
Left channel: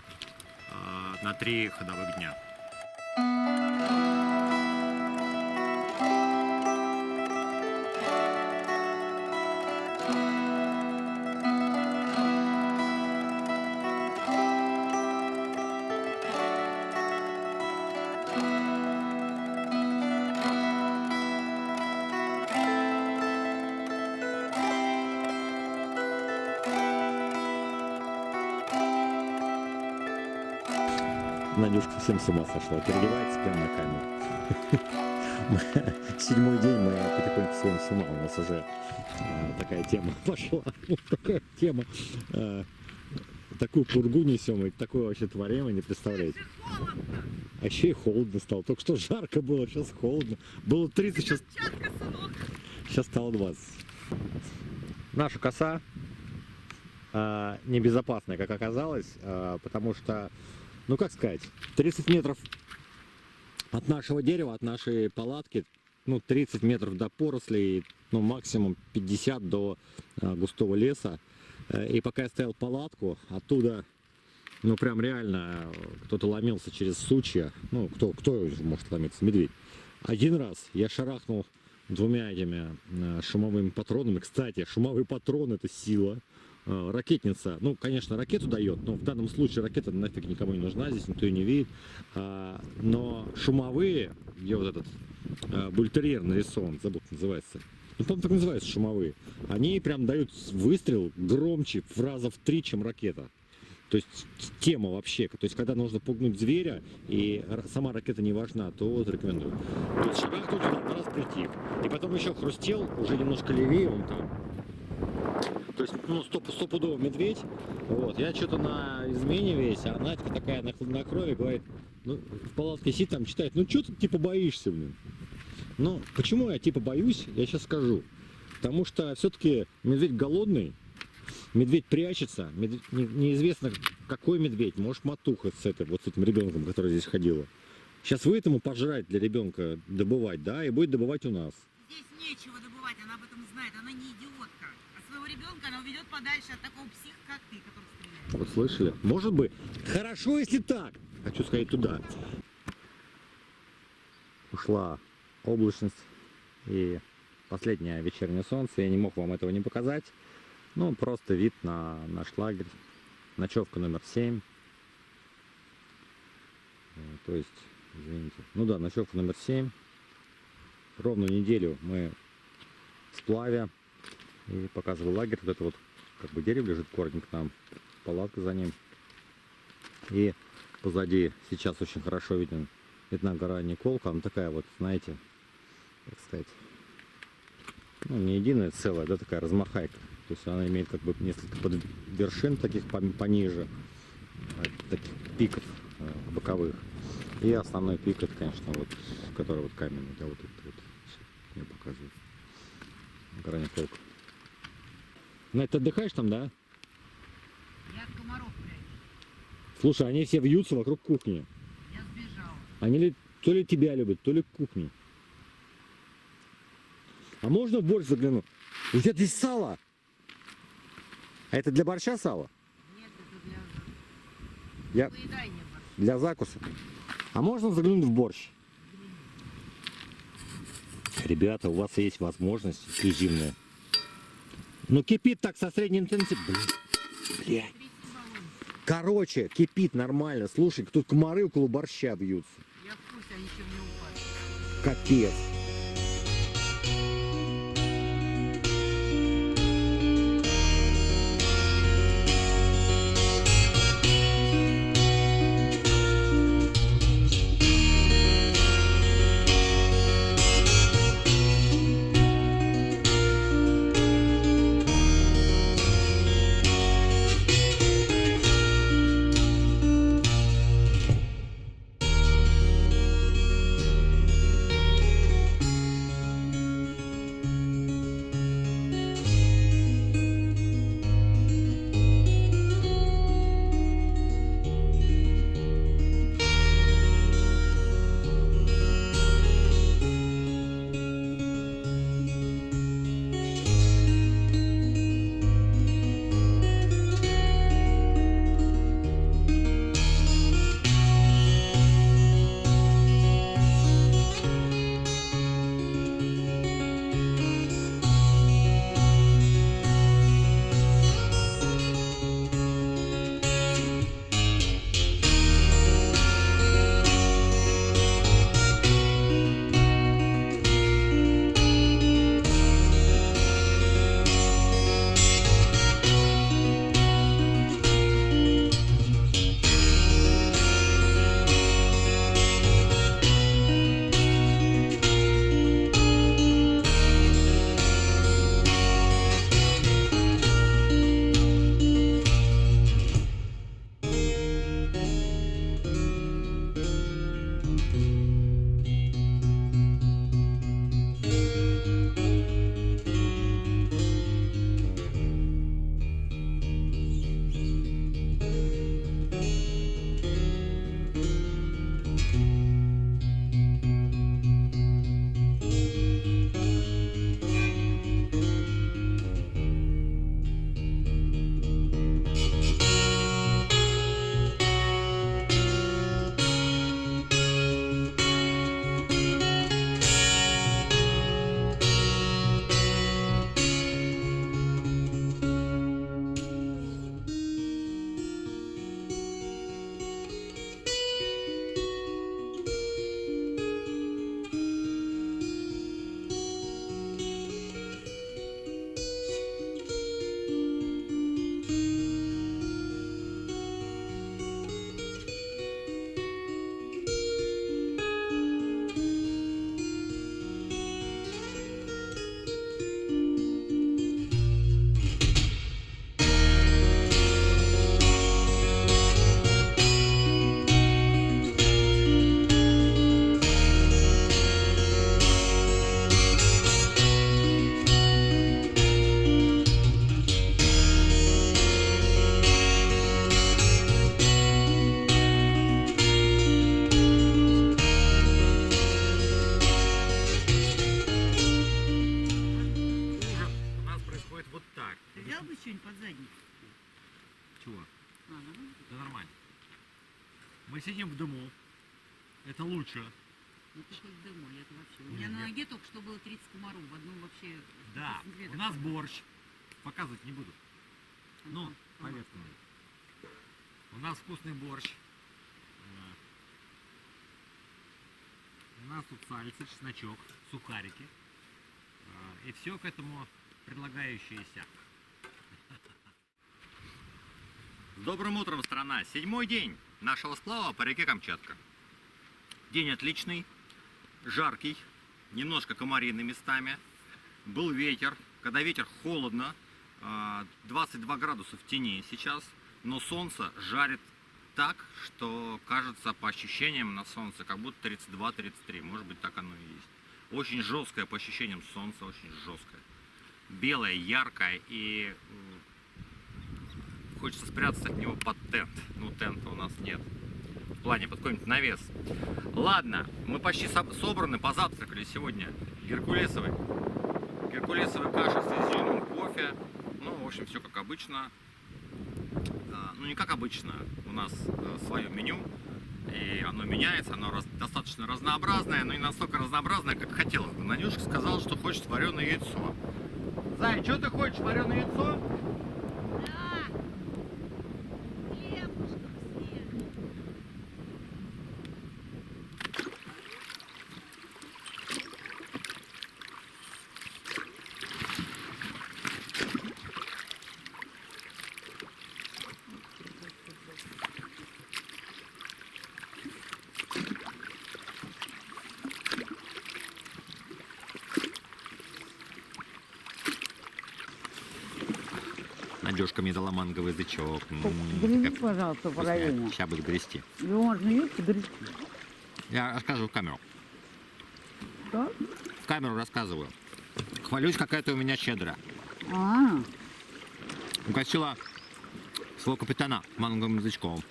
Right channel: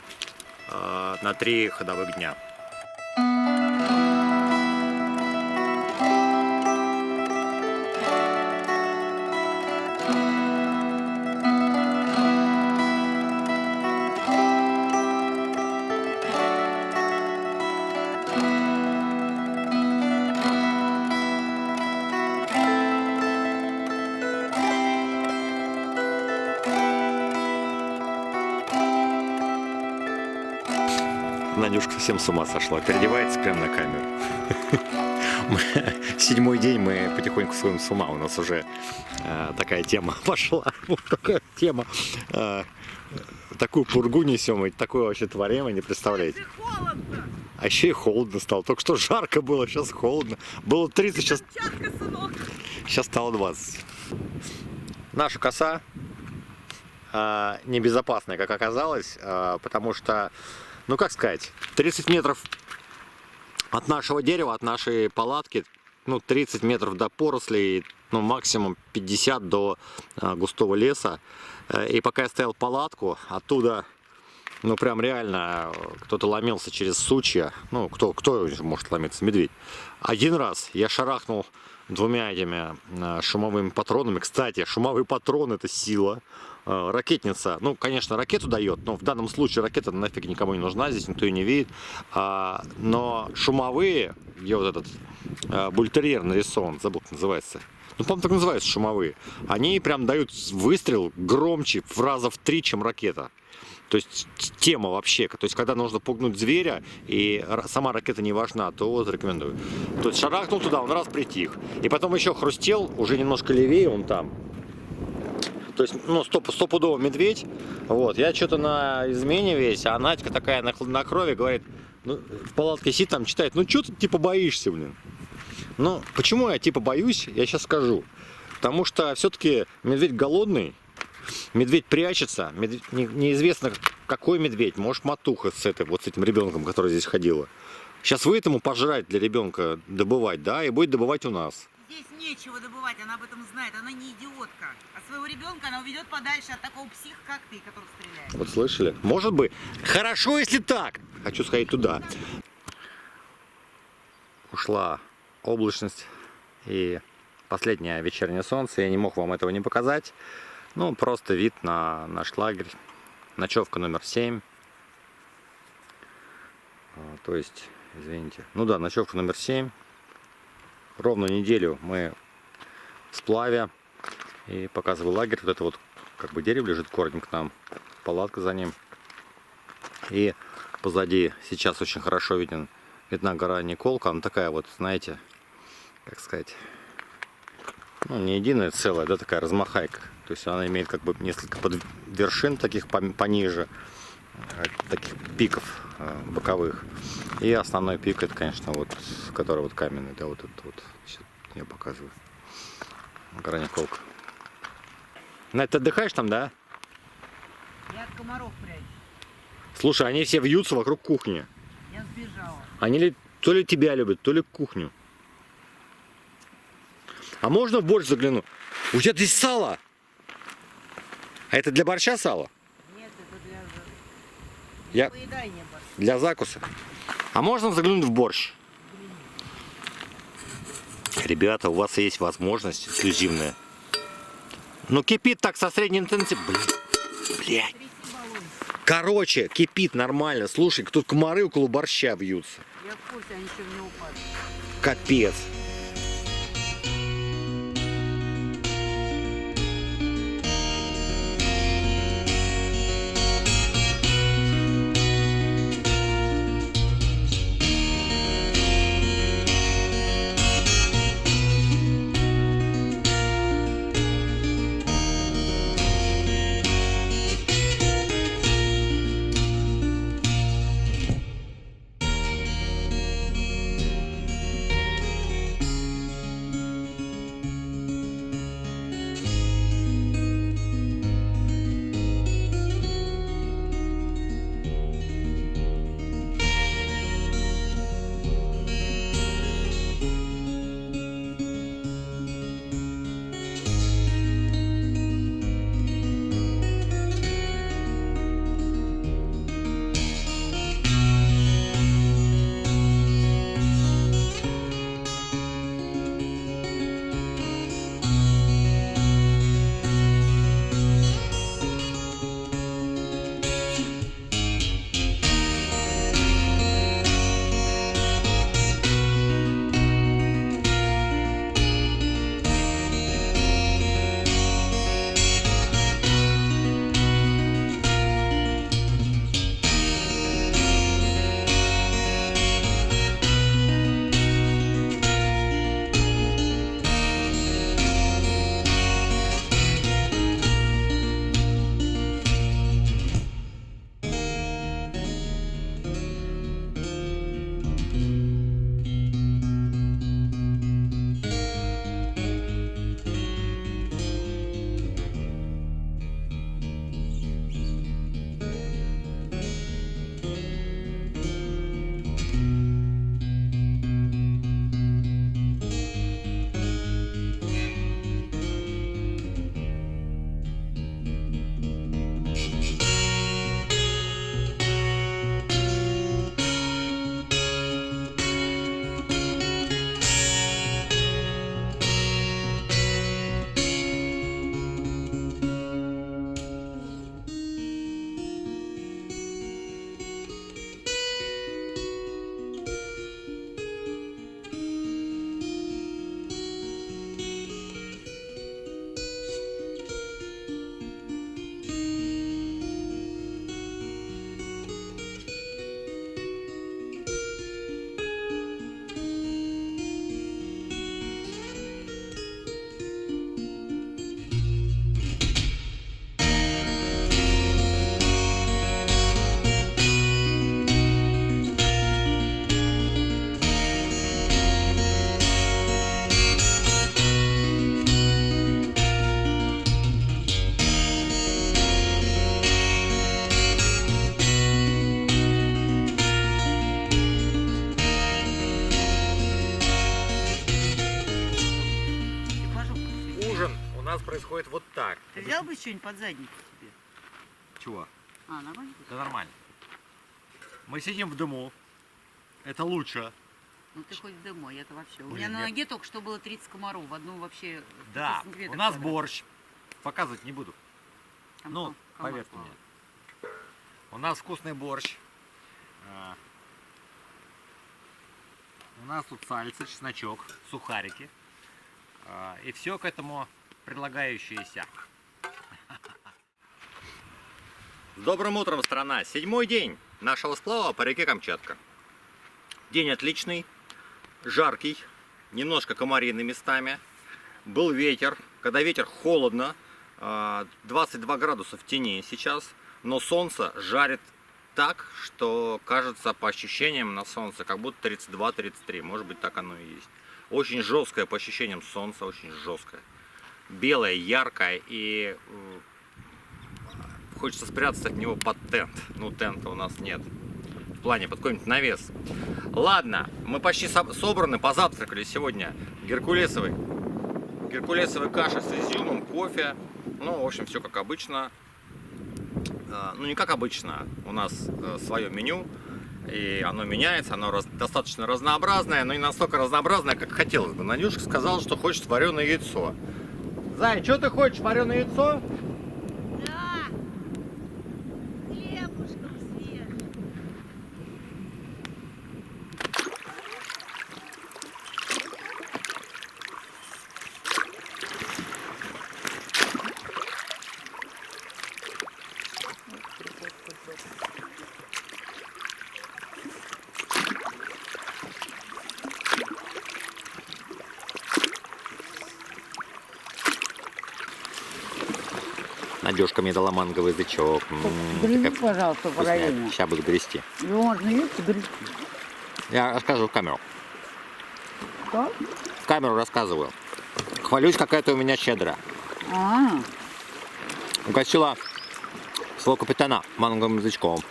ходовых дня. Надюшка совсем с ума сошла, переодевается прямо на камеру. 7-й день мы потихоньку сходим с ума, у нас уже такая тема пошла, вот такая тема, такую пургу несем, и такое вообще творим, вы не представляете. А еще и холодно стало, только что жарко было, сейчас холодно, было 30, сейчас стало 20. Наша коса небезопасная, как оказалось, потому что, ну как сказать, 30 метров от нашего дерева, от нашей палатки, ну 30 метров до порослей, ну максимум 50 до густого леса. И пока я стоял палатку, оттуда, ну прям реально кто-то ломился через сучья. Ну кто может ломиться? Медведь. Один раз я шарахнул 2 этими шумовыми патронами. Кстати, шумовые патроны — это сила. Ракетница, ну, конечно, ракету дает, но в данном случае ракета нафиг никому не нужна, здесь никто ее не видит. Но шумовые, где вот этот бультерьер нарисован, забыл, как называется. Ну, по-моему, так называются шумовые. Они прям дают выстрел громче в раза в 3, чем ракета. То есть тема вообще, то есть когда нужно пугнуть зверя и сама ракета не важна, то вот рекомендую. То есть шарахнул туда, он раз притих. И потом еще хрустел, уже немножко левее, он там. То есть, ну, стопудово медведь. Вот, я что-то на измене весь, а Надька такая на крови говорит, ну, в палатке сидит там, читает, ну, что ты типа боишься, блин? Ну, почему я типа боюсь, я сейчас скажу. Потому что все-таки медведь голодный, медведь прячется, неизвестно какой медведь, может матуха с этим ребенком, который здесь ходила. Сейчас вы этому пожрать для ребенка добывать, да, и будет добывать у нас. Здесь нечего добывать, она об этом знает, она не идиотка. А своего ребенка она уведет подальше от такого психа, как ты, который стреляет. Вот слышали? Может быть. Хорошо, если так. Хочу сходить туда. Ушла облачность и последнее вечернее солнце. Я не мог вам этого не показать. Ну, просто вид на наш лагерь. Ночевка номер 7. То есть, извините. Ну да, ночевка номер 7. Ровно неделю мы в сплаве. И показываю лагерь. Вот это вот как бы дерево лежит корнем к нам. Палатка за ним. И позади сейчас очень хорошо виден Видна гора Николка, она такая вот, знаете, как сказать, ну, не единая целая, да, такая размахайка. То есть она имеет как бы несколько вершин таких пониже, таких пиков боковых. И основной пик, это, конечно, вот, который вот каменный, да, вот этот вот. Сейчас я показываю. Гора Николка. Надь, ты отдыхаешь там, да? Я от комаров прячусь. Слушай, они все вьются вокруг кухни. Я сбежала. Они то ли тебя любят, то ли кухню. А можно в борщ загляну? У тебя здесь сало. А это для борща сало? Нет, это для... Я... поедания борща. Для закуса. А можно заглянуть в борщ? Ребята, у вас есть возможность эксклюзивная. Ну кипит так со средней интенсивностью. Блядь. Тряси баллончик. Короче, кипит нормально. Слушай, тут комары около борща вьются. Я в курсе, они еще в него упадут. Капец. происходит вот так. Ты взял бы что-нибудь под задницу себе? Чего? А, нормально? Да нормально. Мы сидим в дыму. Это лучше. Ну ты хоть в дыму, я-то вообще. У Блин, меня на нет. ноге только что было 30 комаров. В одну вообще... Да, 100 сантиметров у нас квадратных. борщ. Показывать не буду. Там Ну, комар поверьте плавал. мне. У нас вкусный борщ. У нас тут сальцы, чесночок, сухарики. И все к этому предлагающееся. С добрым утром, страна! 7-й день нашего сплава по реке Камчатка. День отличный, жаркий, немножко комарины местами. Был ветер. Когда ветер, холодно. 22 градуса в тени сейчас. Но солнце жарит так, что кажется по ощущениям на солнце, как будто 32-33. Может быть, так оно и есть. Очень жесткое по ощущениям солнце, очень жесткое. Белое, яркое, и хочется спрятаться от него под тент. Ну, тента у нас нет. В плане под какой-нибудь навес. Ладно, мы почти собраны, позавтракали сегодня. Геркулесовой каша с изюмом, кофе. Ну, в общем, все как обычно. Ну, не как обычно. У нас свое меню. И оно меняется, оно достаточно разнообразное, но не настолько разнообразное, как хотелось бы. Надюшка сказала, что хочет вареное яйцо. Зай, что ты хочешь, вареное яйцо? Да. Хлебушком свежим. Надюшка мне дала манговый язычок. Грызи, пожалуйста, параллельно. Сейчас буду грести. Его можно видите, грызти. Я расскажу в камеру. Что? В камеру рассказываю. Хвалюсь, какая-то у меня щедрая. Угостила своего капитана манговым язычком.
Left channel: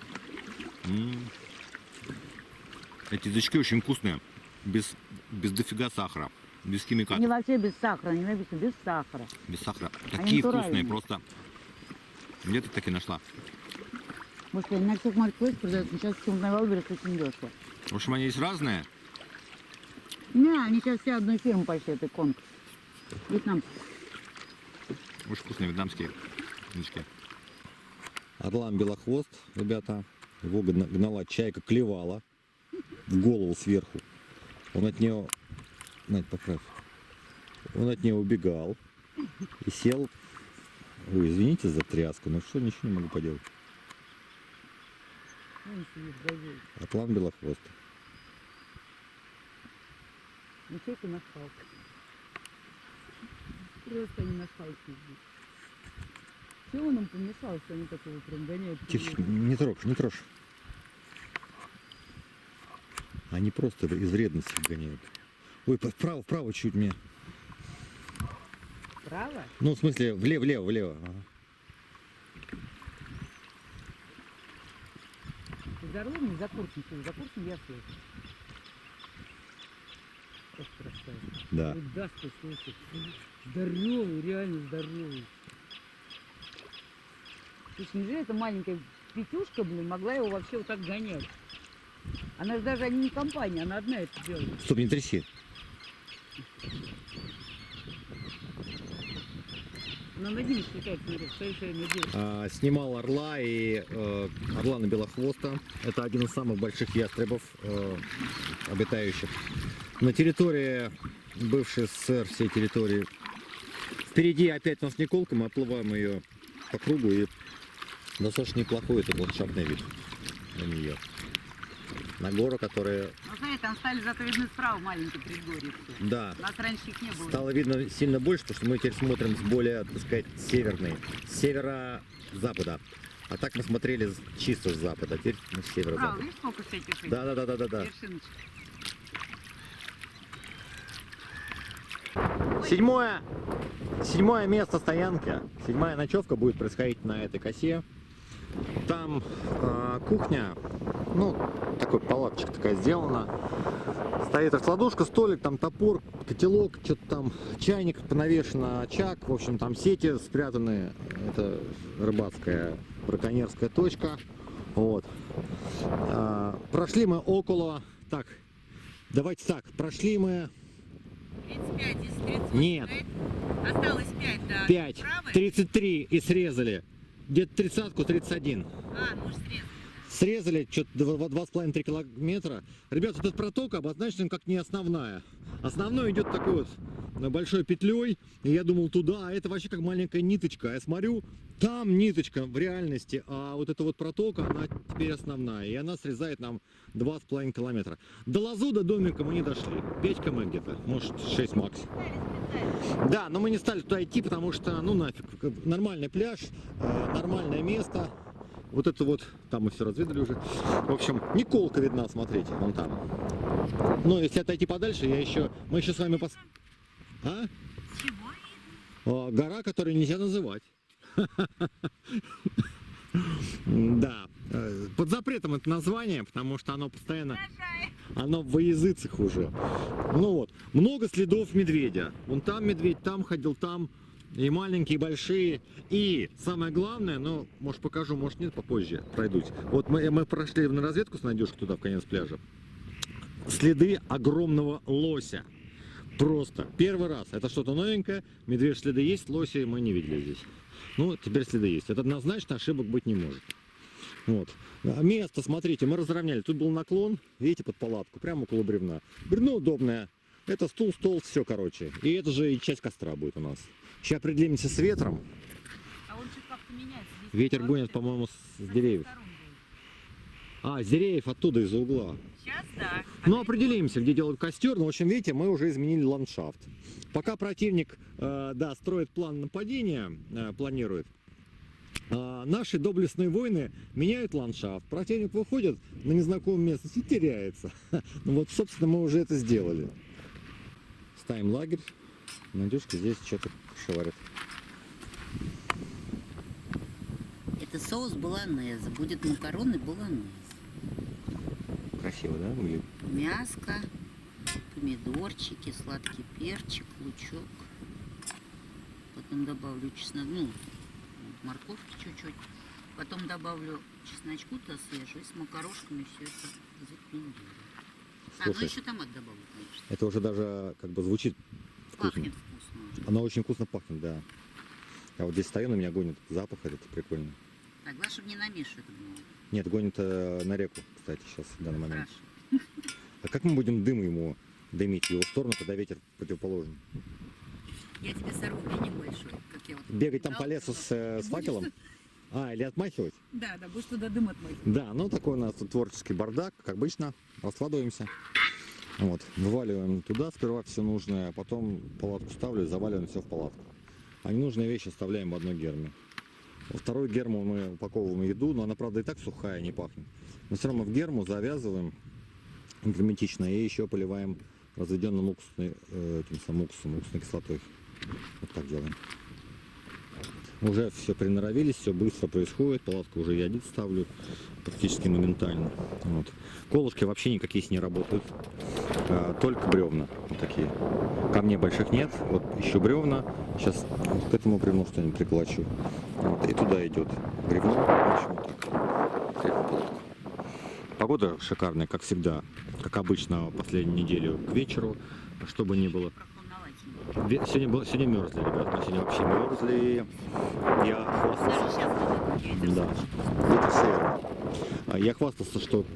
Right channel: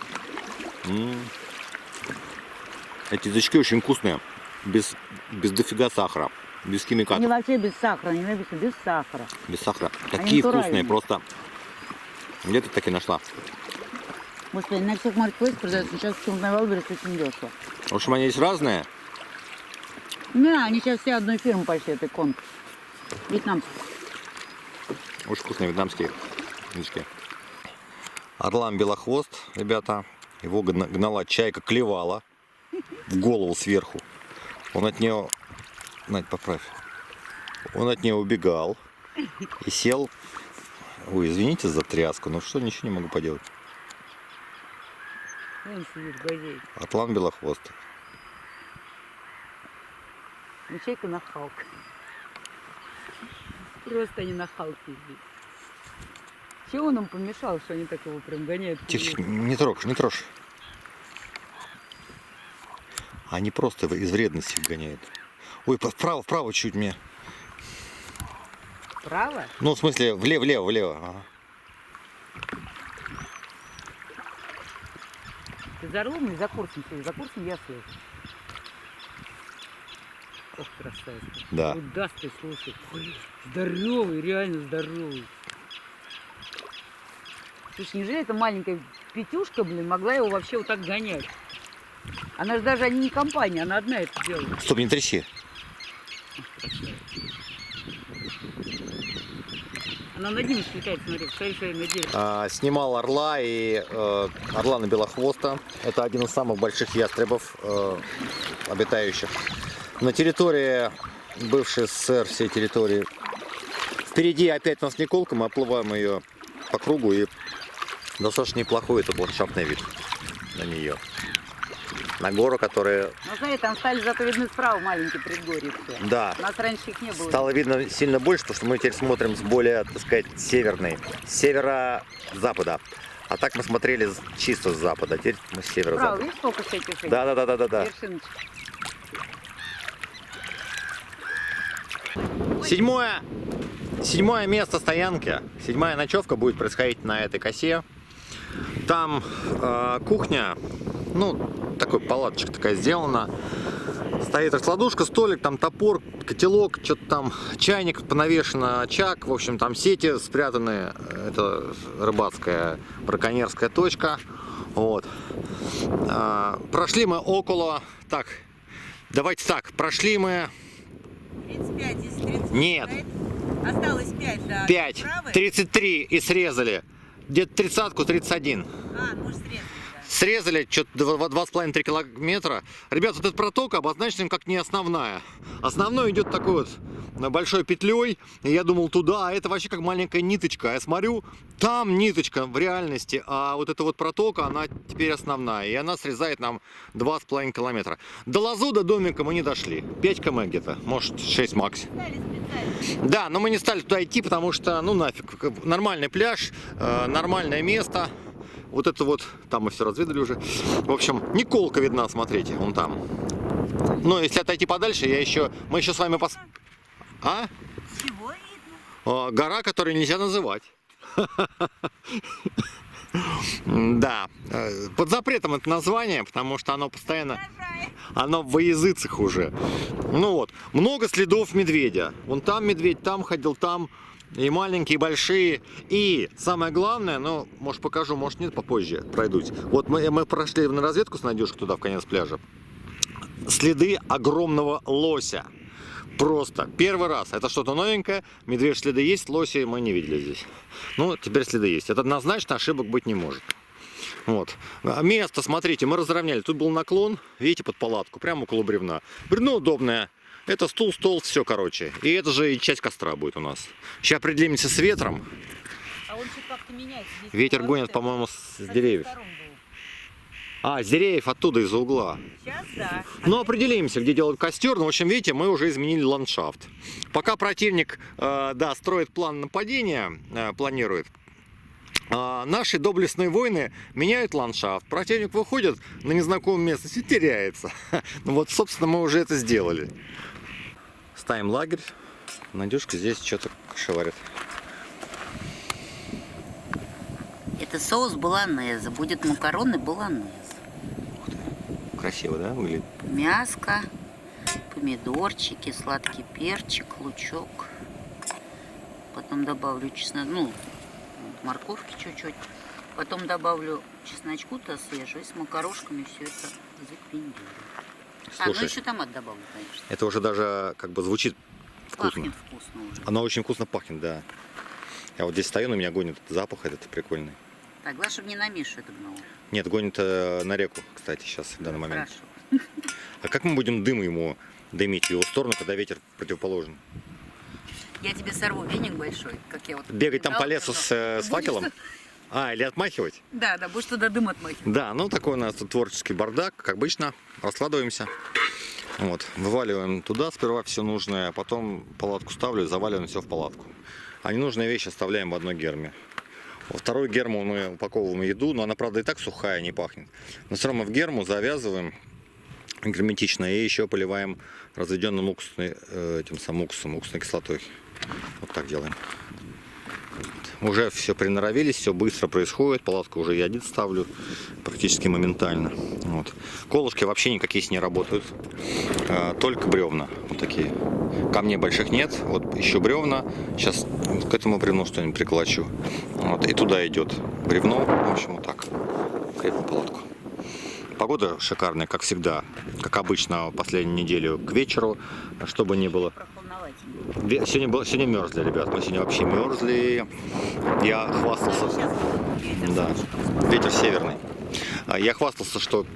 Эти язычки очень вкусные. Без дофига сахара. Без Они химикатов. вообще без сахара, не написано без сахара. Без сахара. Такие вкусные, натуральные. просто. Где ты таки нашла? Господи, на всех маркетплейсах продаются. Сейчас в Валберес очень дешево. В общем, они есть разные. Не, они сейчас все одной фирмы почти, это конг. Вьетнамцы. Очень вкусные вьетнамские язычки. Орлан белохвост, ребята. Его гнала чайка, клевала в голову сверху. Он от нее... Надь, поправь. Он от нее убегал и сел. Ой, извините за тряску, но что, ничего не могу поделать. Он сидит, газеет. Атлан белохвост. Ячейка нахалка. Просто они нахалки здесь. Чего он им помешал, что они так его прям гоняют? Тихо, не трожь, не трожь. Они просто из вредности гоняют. Ой, вправо чуть мне. Право? Ну, в смысле, влево. Ага. Ты за рулем или за курсом? За курсом я слышу. Ох, красавец. Да. Удастый, слушай. Здоровый, реально здоровый. Слушай, неужели эта маленькая Петюшка, блин, могла его вообще вот так гонять? Она же даже не компания, она одна это делает. Стоп, не тряси. Она над ним слетает, смотри, стоит на дерево. Снимал орла и орлана белохвоста. Это один из самых больших ястребов, обитающих на территории бывшей СССР, всей территории. Впереди опять у нас Николка, мы оплываем ее по кругу, и достаточно неплохой этот ландшафтный вид на нее. На гору, которая... Ну, смотри, там стали зато видны справа маленькие предгорья все. Да. У нас раньше их не было. Стало видно сильно больше, потому что мы теперь смотрим с более, так сказать, северной, с северо-запада. А так мы смотрели чисто с запада, теперь мы с Справа, северо-запада. видишь, сколько всяких этих Да. вершиночек? Седьмое место стоянки, седьмая ночевка будет происходить на этой косе. Там кухня, ну, такой палаточка такая сделана. Стоит раскладушка, столик, там топор, котелок, что-то там, чайник понавешен, очаг. В общем, там сети спрятаны. Это рыбацкая браконьерская точка. Вот. Прошли мы около... Так, давайте так, прошли мы... 35 из 30. Нет. Осталось 5, да. 5, Правый? 33 и срезали. Где-то 30-ку, 31. А, ну уж срезали, да. Срезали что-то 2,5-3 километра. Ребят, вот эта протока обозначена как не основная. Основной идет такой вот большой петлей. И я думал туда, а это вообще как маленькая ниточка. Я смотрю, там ниточка в реальности, а вот эта вот протока, она теперь основная. И она срезает нам 2,5 километра. До Лазу, до домика мы не дошли. 5 км где-то, может 6 максимум. Да, но мы не стали туда идти, потому что, ну нафиг, нормальный пляж, нормальное место. Вот это вот, там мы все разведали уже. В общем, Николка видна, смотрите, вон там. Ну, если отойти подальше, мы еще с вами А? Чего видно? Гора, которую нельзя называть. Да, под запретом это название, потому что оно постоянно, оно в языцах уже. Ну вот, много следов медведя. Вон там медведь, там ходил, там. И маленькие, и большие. И самое главное, ну, может покажу, может нет, попозже пройдусь. Вот мы прошли на разведку с Надюшкой туда, в конец пляжа. Следы огромного лося. Просто первый раз. Это что-то новенькое. Медвежьи следы есть, лоси мы не видели здесь. Ну, теперь следы есть. Это однозначно ошибок быть не может. Вот. Место, смотрите, мы разровняли. Тут был наклон, видите, под палатку, прямо около бревна. Бревно удобное. Это стул, стол, все, короче. И это же и часть костра будет у нас. Сейчас определимся с ветром. А он что-то как-то меняется. Здесь Ветер поворот, гонит, по-моему, с обеих деревьев. сторон был. А, с деревьев оттуда, из-за угла. Сейчас да. Ну, определимся, где делают костер. Ну, в общем, видите, мы уже изменили ландшафт. Пока противник, да, строит план нападения, планирует, наши доблестные воины меняют ландшафт. Противник выходит на незнакомую местность и теряется. Ну, вот, собственно, мы уже это сделали. Ставим лагерь. Надюшка здесь что-то шеварит. Это соус болонезе. Будет макароны болонезе. Красиво, да, выглядит? Мяско, помидорчики, сладкий перчик, лучок. Потом добавлю чеснок, ну, морковки чуть-чуть. Потом добавлю чесночку-то свежего и с макарошками все это запиндю. Ну Слушай, еще томат добавлю, конечно. это уже даже как бы звучит вкусно. Пахнет вкусно уже. Оно очень вкусно пахнет, да. Я вот здесь стою, на меня гонит этот запах этот прикольный. Так, главное, чтобы не на Мишу это гнало. Нет, гонит на реку, кстати, сейчас, в данный момент. Хорошо. А как мы будем дым ему дымить в его сторону, когда ветер противоположный? Я тебе сорву веник большой, как я вот... Бегать там по бежала, лесу с Будешь факелом? А, или отмахивать? Да, да, будешь туда дым отмахивать. Да, ну такой у нас тут творческий бардак, как обычно. Раскладываемся. Вот, вываливаем туда сперва все нужное, а потом палатку ставлю, заваливаем все в палатку. А ненужные вещи оставляем в одной герме. Во второй герму мы упаковываем еду, но она, правда, и так сухая, не пахнет. Но все равно в герму завязываем герметично и еще поливаем разведенным этим самым уксусом, уксусной кислотой. Вот так делаем. Уже все приноровились, все быстро происходит. Палатку уже ядит, ставлю практически моментально. Вот. Колышки вообще никакие не работают. Только бревна. Вот такие. Камней больших нет. Вот еще бревна. Сейчас к этому бревну что-нибудь приколочу. Вот. И туда идет бревно. В общем, вот так. Крепим палатку. Погода шикарная, как всегда. Как обычно, последнюю неделю к вечеру. Чтобы не было... Сегодня мерзли, ребят. Мы сегодня вообще мерзли. Я хвастался. Да, ветер северный. Я хвастался, что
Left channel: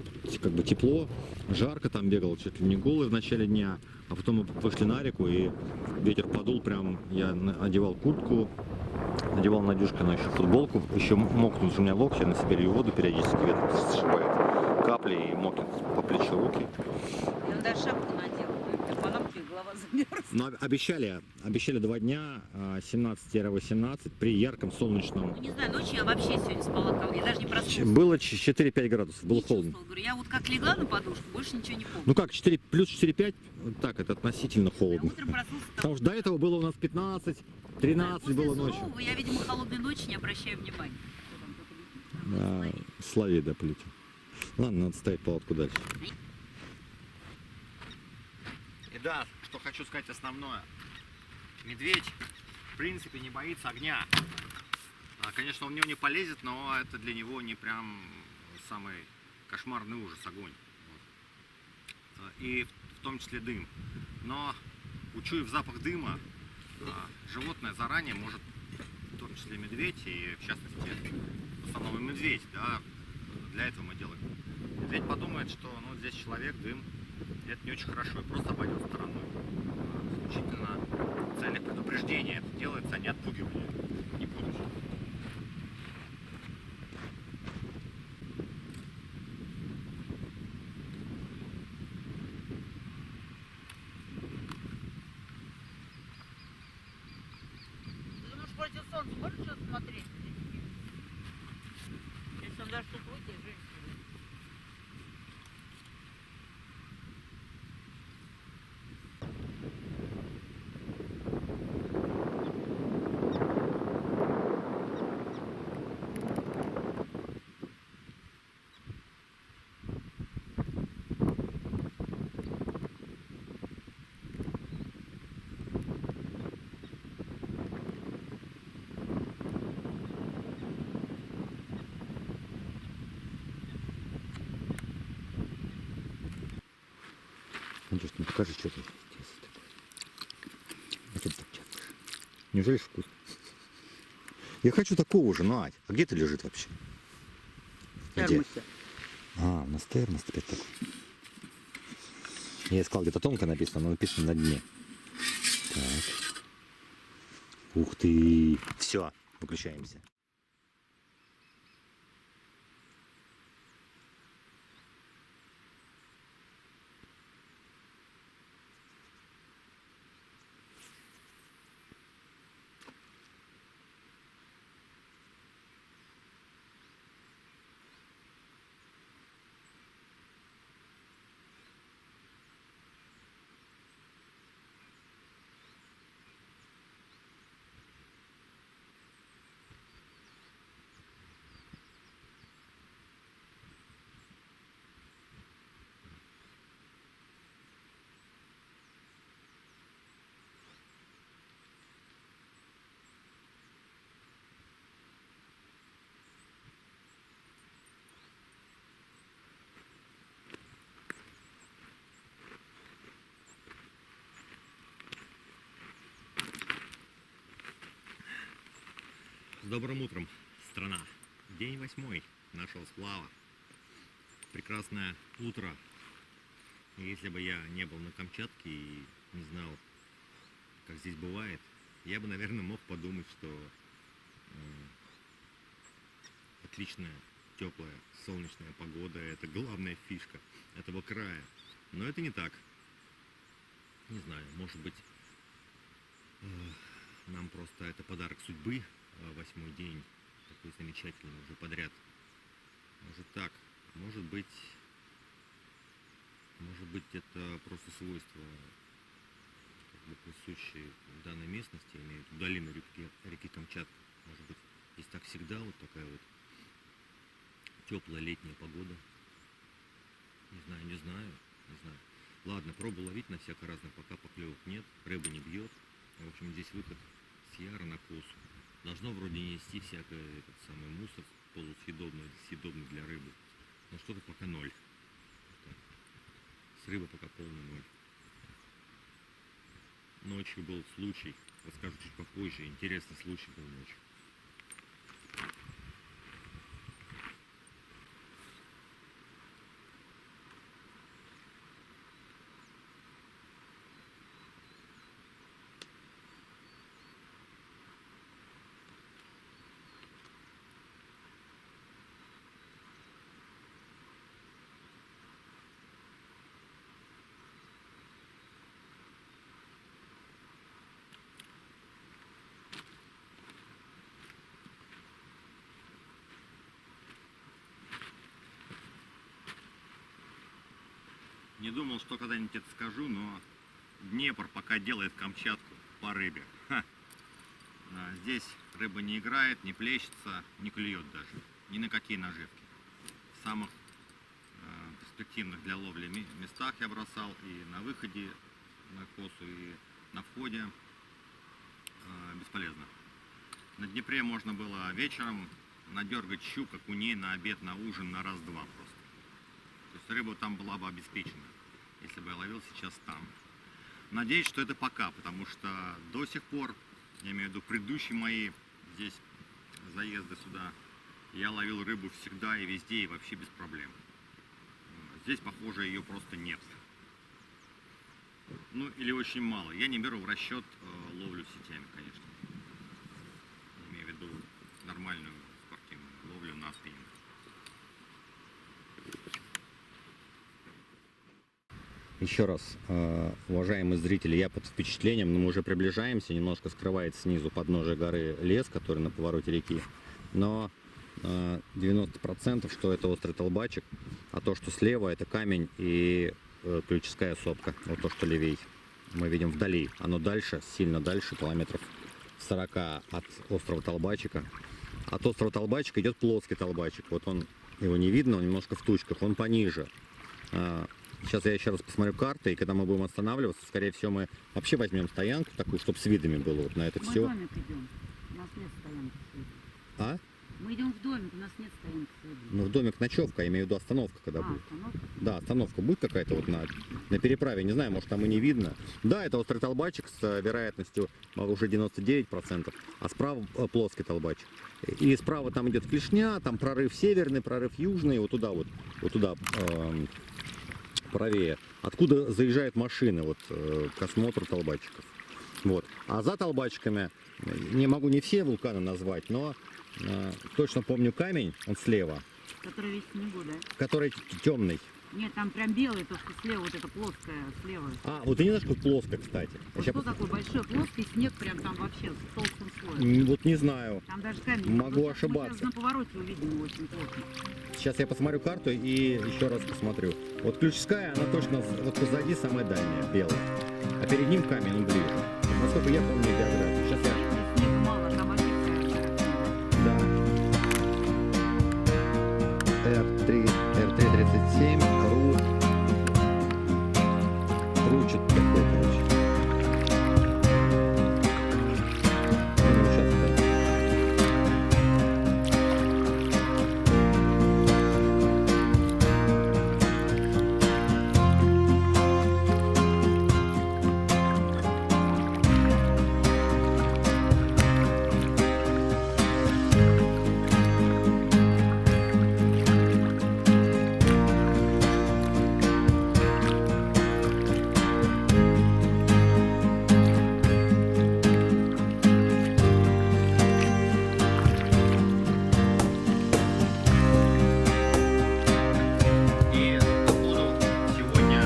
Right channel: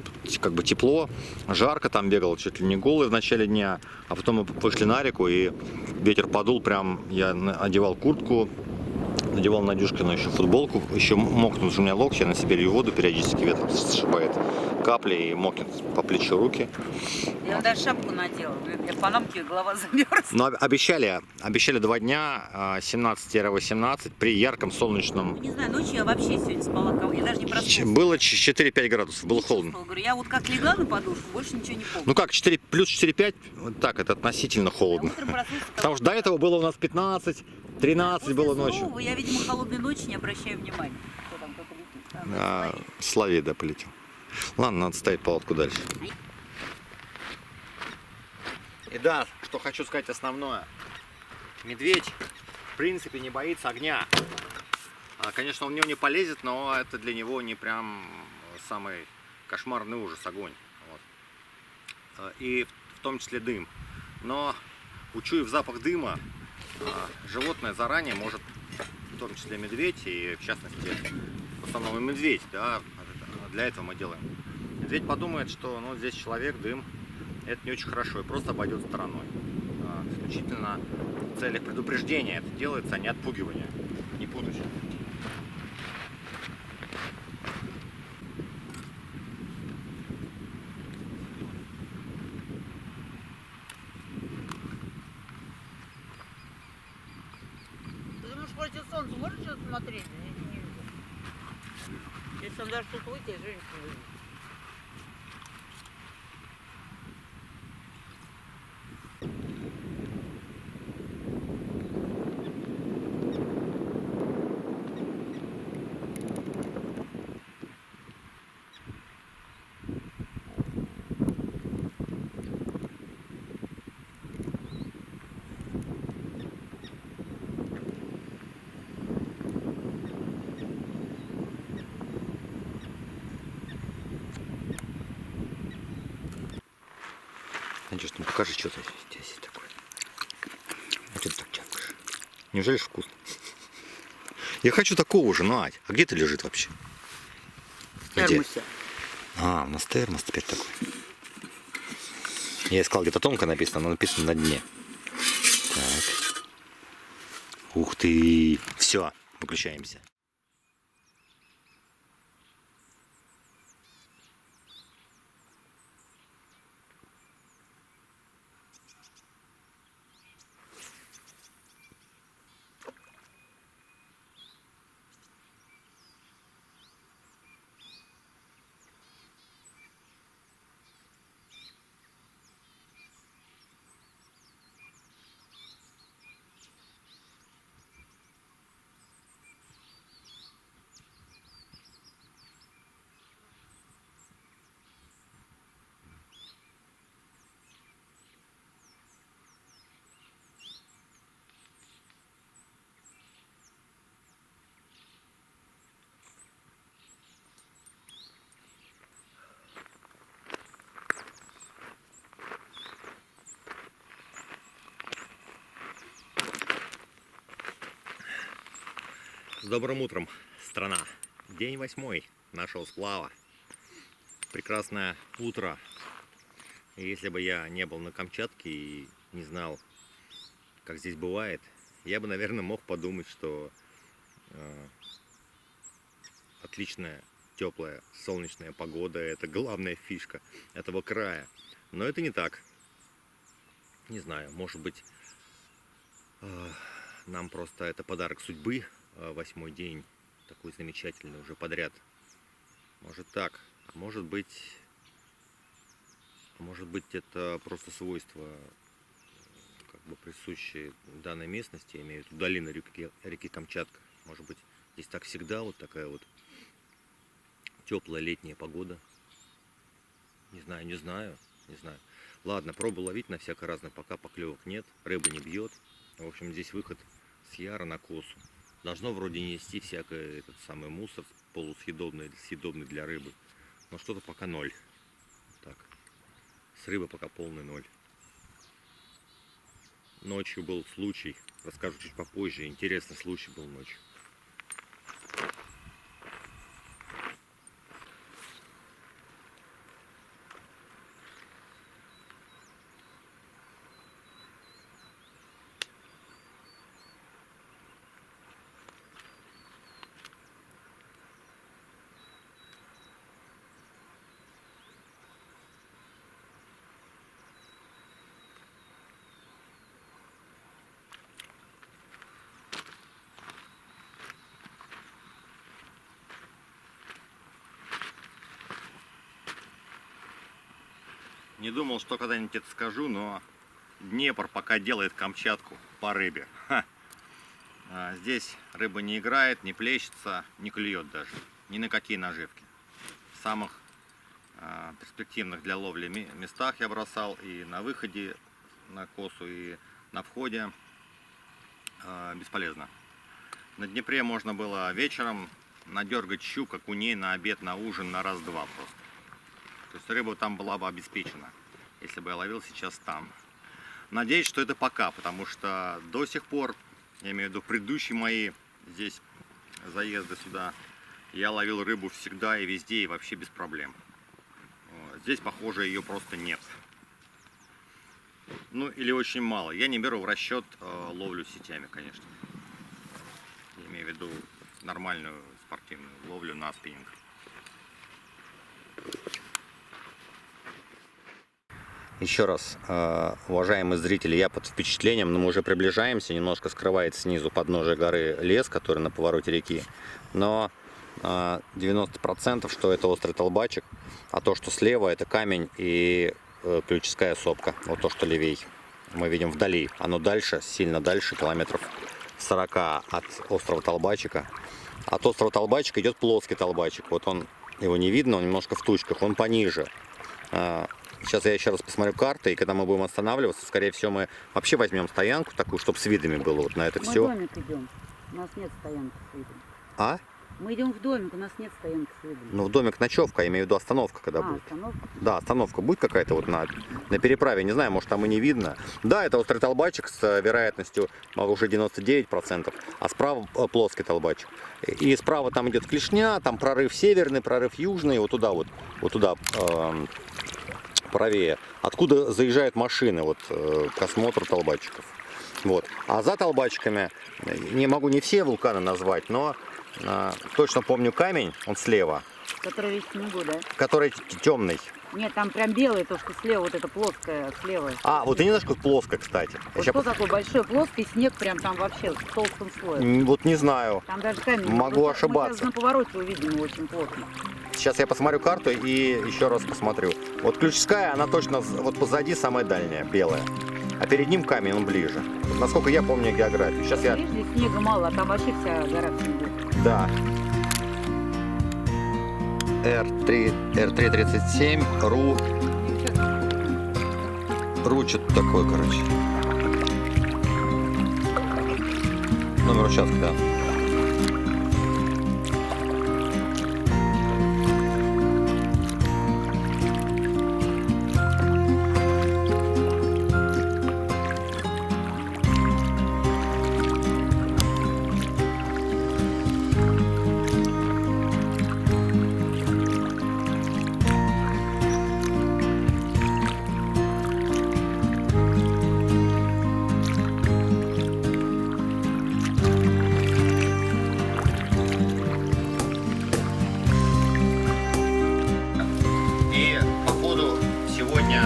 как бы тепло, жарко, там бегал чуть ли не голый в начале дня, а потом мы вышли на реку и ветер подул, прям я одевал куртку, надевал Надюшкину еще футболку, еще мокнут у меня локти, я на себе лью воду, периодически ветер сшибает капли и мокнет по плечу руки. Я даже шапку надела, для панамки голова замерзла. Но обещали 2 дня, 17-18, при ярком солнечном. Не знаю, ночью я вообще сегодня спала, я даже не проснулась. Было 4-5 градусов, было Не холодно. чувствовала. Говорю, я вот как легла на подушку, больше ничего не помню. Ну как, 4, плюс 4-5, вот так, это относительно А холодно. утром проснулась, Потому что до этого было у нас 15, 13 после было ночью. сурового я, видимо, холодной ночи не обращаю внимания. Кто там, кто-то летит. А, Славей, да, полетел. Ладно, надо ставить палатку дальше. И да, что хочу сказать основное. Медведь, в принципе, не боится огня. Конечно, он в него не полезет, но это для него не прям самый кошмарный ужас, огонь. Вот. И в том числе дым. Но, учуяв запах дыма, животное заранее может, в том числе медведь, и в частности, в основном и медведь, да, Для этого мы делаем. Медведь подумает, что ну, здесь человек, дым, это не очень хорошо, и просто обойдет стороной. Исключительно в целях предупреждения это делается, а не отпугивания. Не путайте. Ты думаешь, против солнца можешь что-то смотреть? Не вижу. Если там даже что-то выйти, женщина выйдет. Надюш, ну покажи, что здесь такое. А что ты так чапаешь? Неужели ж вкусно? Я хочу такого же, Надь. А где ты лежит вообще? Где? Термосе. А, у нас термос теперь такой. Я искал, где-то тонко написано, но написано на дне. Так. Ух ты. Все, выключаемся. С добрым утром, страна. День 8 нашего сплава. Прекрасное утро. И если бы я не был на Камчатке и не знал, как здесь бывает, я бы, наверное, мог подумать, что отличная, теплая, солнечная погода – это главная фишка этого края. Но это не так. Не знаю, может быть, нам просто это подарок судьбы. 8-й день, такой замечательный уже подряд. Может так, а может быть это просто свойства, как бы присущие данной местности, я имею в виду долины реки Камчатка. Может быть, здесь так всегда вот такая вот теплая летняя погода. Не знаю. Ладно, пробую ловить на всяко разное, пока поклевок нет, рыба не бьет. В общем, здесь выход с яра на косу. Должно вроде нести всякий этот самый мусор полусъедобный или съедобный для рыбы. Но что-то пока ноль. Так. С рыбы пока полный ноль. Ночью был случай. Расскажу чуть попозже. Интересный случай был ночью. Не думал, что когда-нибудь это скажу, но Днепр пока делает Камчатку по рыбе. Ха. Здесь рыба не играет, не плещется, не клюет даже. Ни на какие наживки. В самых перспективных для ловли местах я бросал и на выходе на косу, и на входе. Бесполезно. На Днепре можно было вечером надергать щук, окуней на обед, на ужин, на раз-два просто. То есть рыба там была бы обеспечена, если бы я ловил сейчас там. Надеюсь, что это пока, потому что до сих пор, я имею в виду предыдущие мои здесь заезды сюда, Я ловил рыбу всегда и везде, и вообще без проблем. Здесь, похоже, ее просто нет. Ну, или очень мало. Я не беру в расчет ловлю сетями, конечно. Я имею в виду нормальную спортивную ловлю на спиннинг. Еще раз, уважаемые зрители, я под впечатлением, но мы уже приближаемся, немножко скрывает снизу подножие горы лес, который на повороте реки, но 90% что это острый толбачик, а то, что слева, это камень и ключевская сопка, вот то, что левей. Мы видим вдали, оно дальше, сильно дальше, километров 40 от острова Толбачика. От острова Толбачика идет плоский толбачик, вот он, его не видно, он немножко в тучках, он пониже. Сейчас я еще раз посмотрю карты, и когда мы будем останавливаться, скорее всего, мы вообще возьмем стоянку такую, чтобы с видами было вот на это Мы все. в домик идем. У нас нет стоянки с видом. А? Мы идем в домик, у нас нет стоянки с видом. Ну, в домик ночевка, я имею в виду остановка, когда будет. Остановка? Да, остановка будет какая-то вот на переправе, не знаю, может там и не видно. Да, это острый толбачик с вероятностью уже 99%, а справа плоский толбачик. И справа там идет клешня, там прорыв северный, прорыв южный, вот туда правее, откуда заезжают машины вот к осмотру толбачиков. Вот. А за толбачиками, не могу не все вулканы назвать, но точно помню камень, он слева, Который весь в снегу, да? который темный. Нет, там прям белый, то, что слева, вот это плоское, слева. А, вот и немножко плоско, кстати. Вот что такое большой плоский снег, прям там вообще с толстым слоем. Вот не знаю. Там даже камень. Могу Мы ошибаться. сейчас на повороте увидим его очень плотно. Сейчас я посмотрю карту и еще раз посмотрю. Вот ключевская, она точно вот позади самая дальняя, белая. А перед ним камень, он ближе. Насколько я помню географию. Сейчас я... Видишь, здесь снега мало, а там вообще вся гора в снегу. Да. R337, RU что-то такое, короче. Номер участка, да. И, походу, сегодня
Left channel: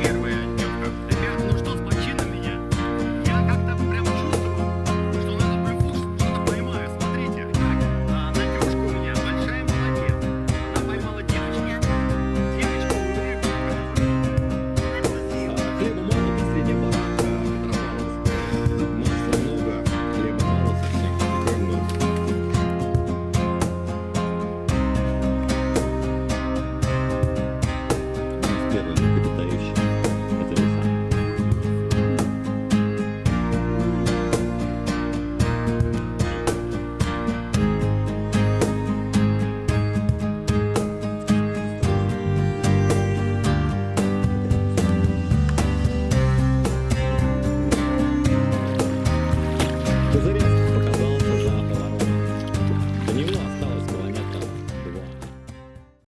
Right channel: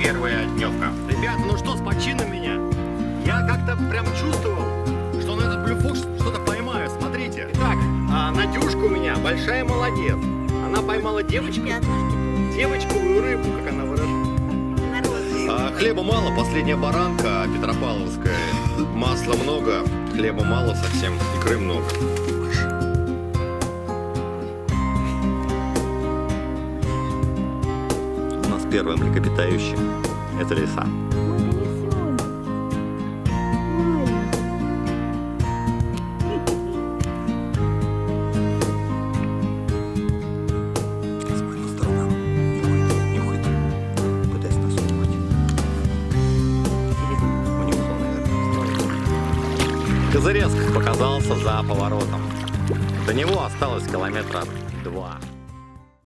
первая дневка. Ребят, ну что, с почином меня? Я как-то прям чувствовал, что на этот блюфуш что-то поймаю. Смотрите. Так, Надюшка у меня большая молодец. Она поймала девочковую рыбу, как она выражается. Хлеба мало, последняя баранка петропавловская. Масла много, хлеба мало совсем.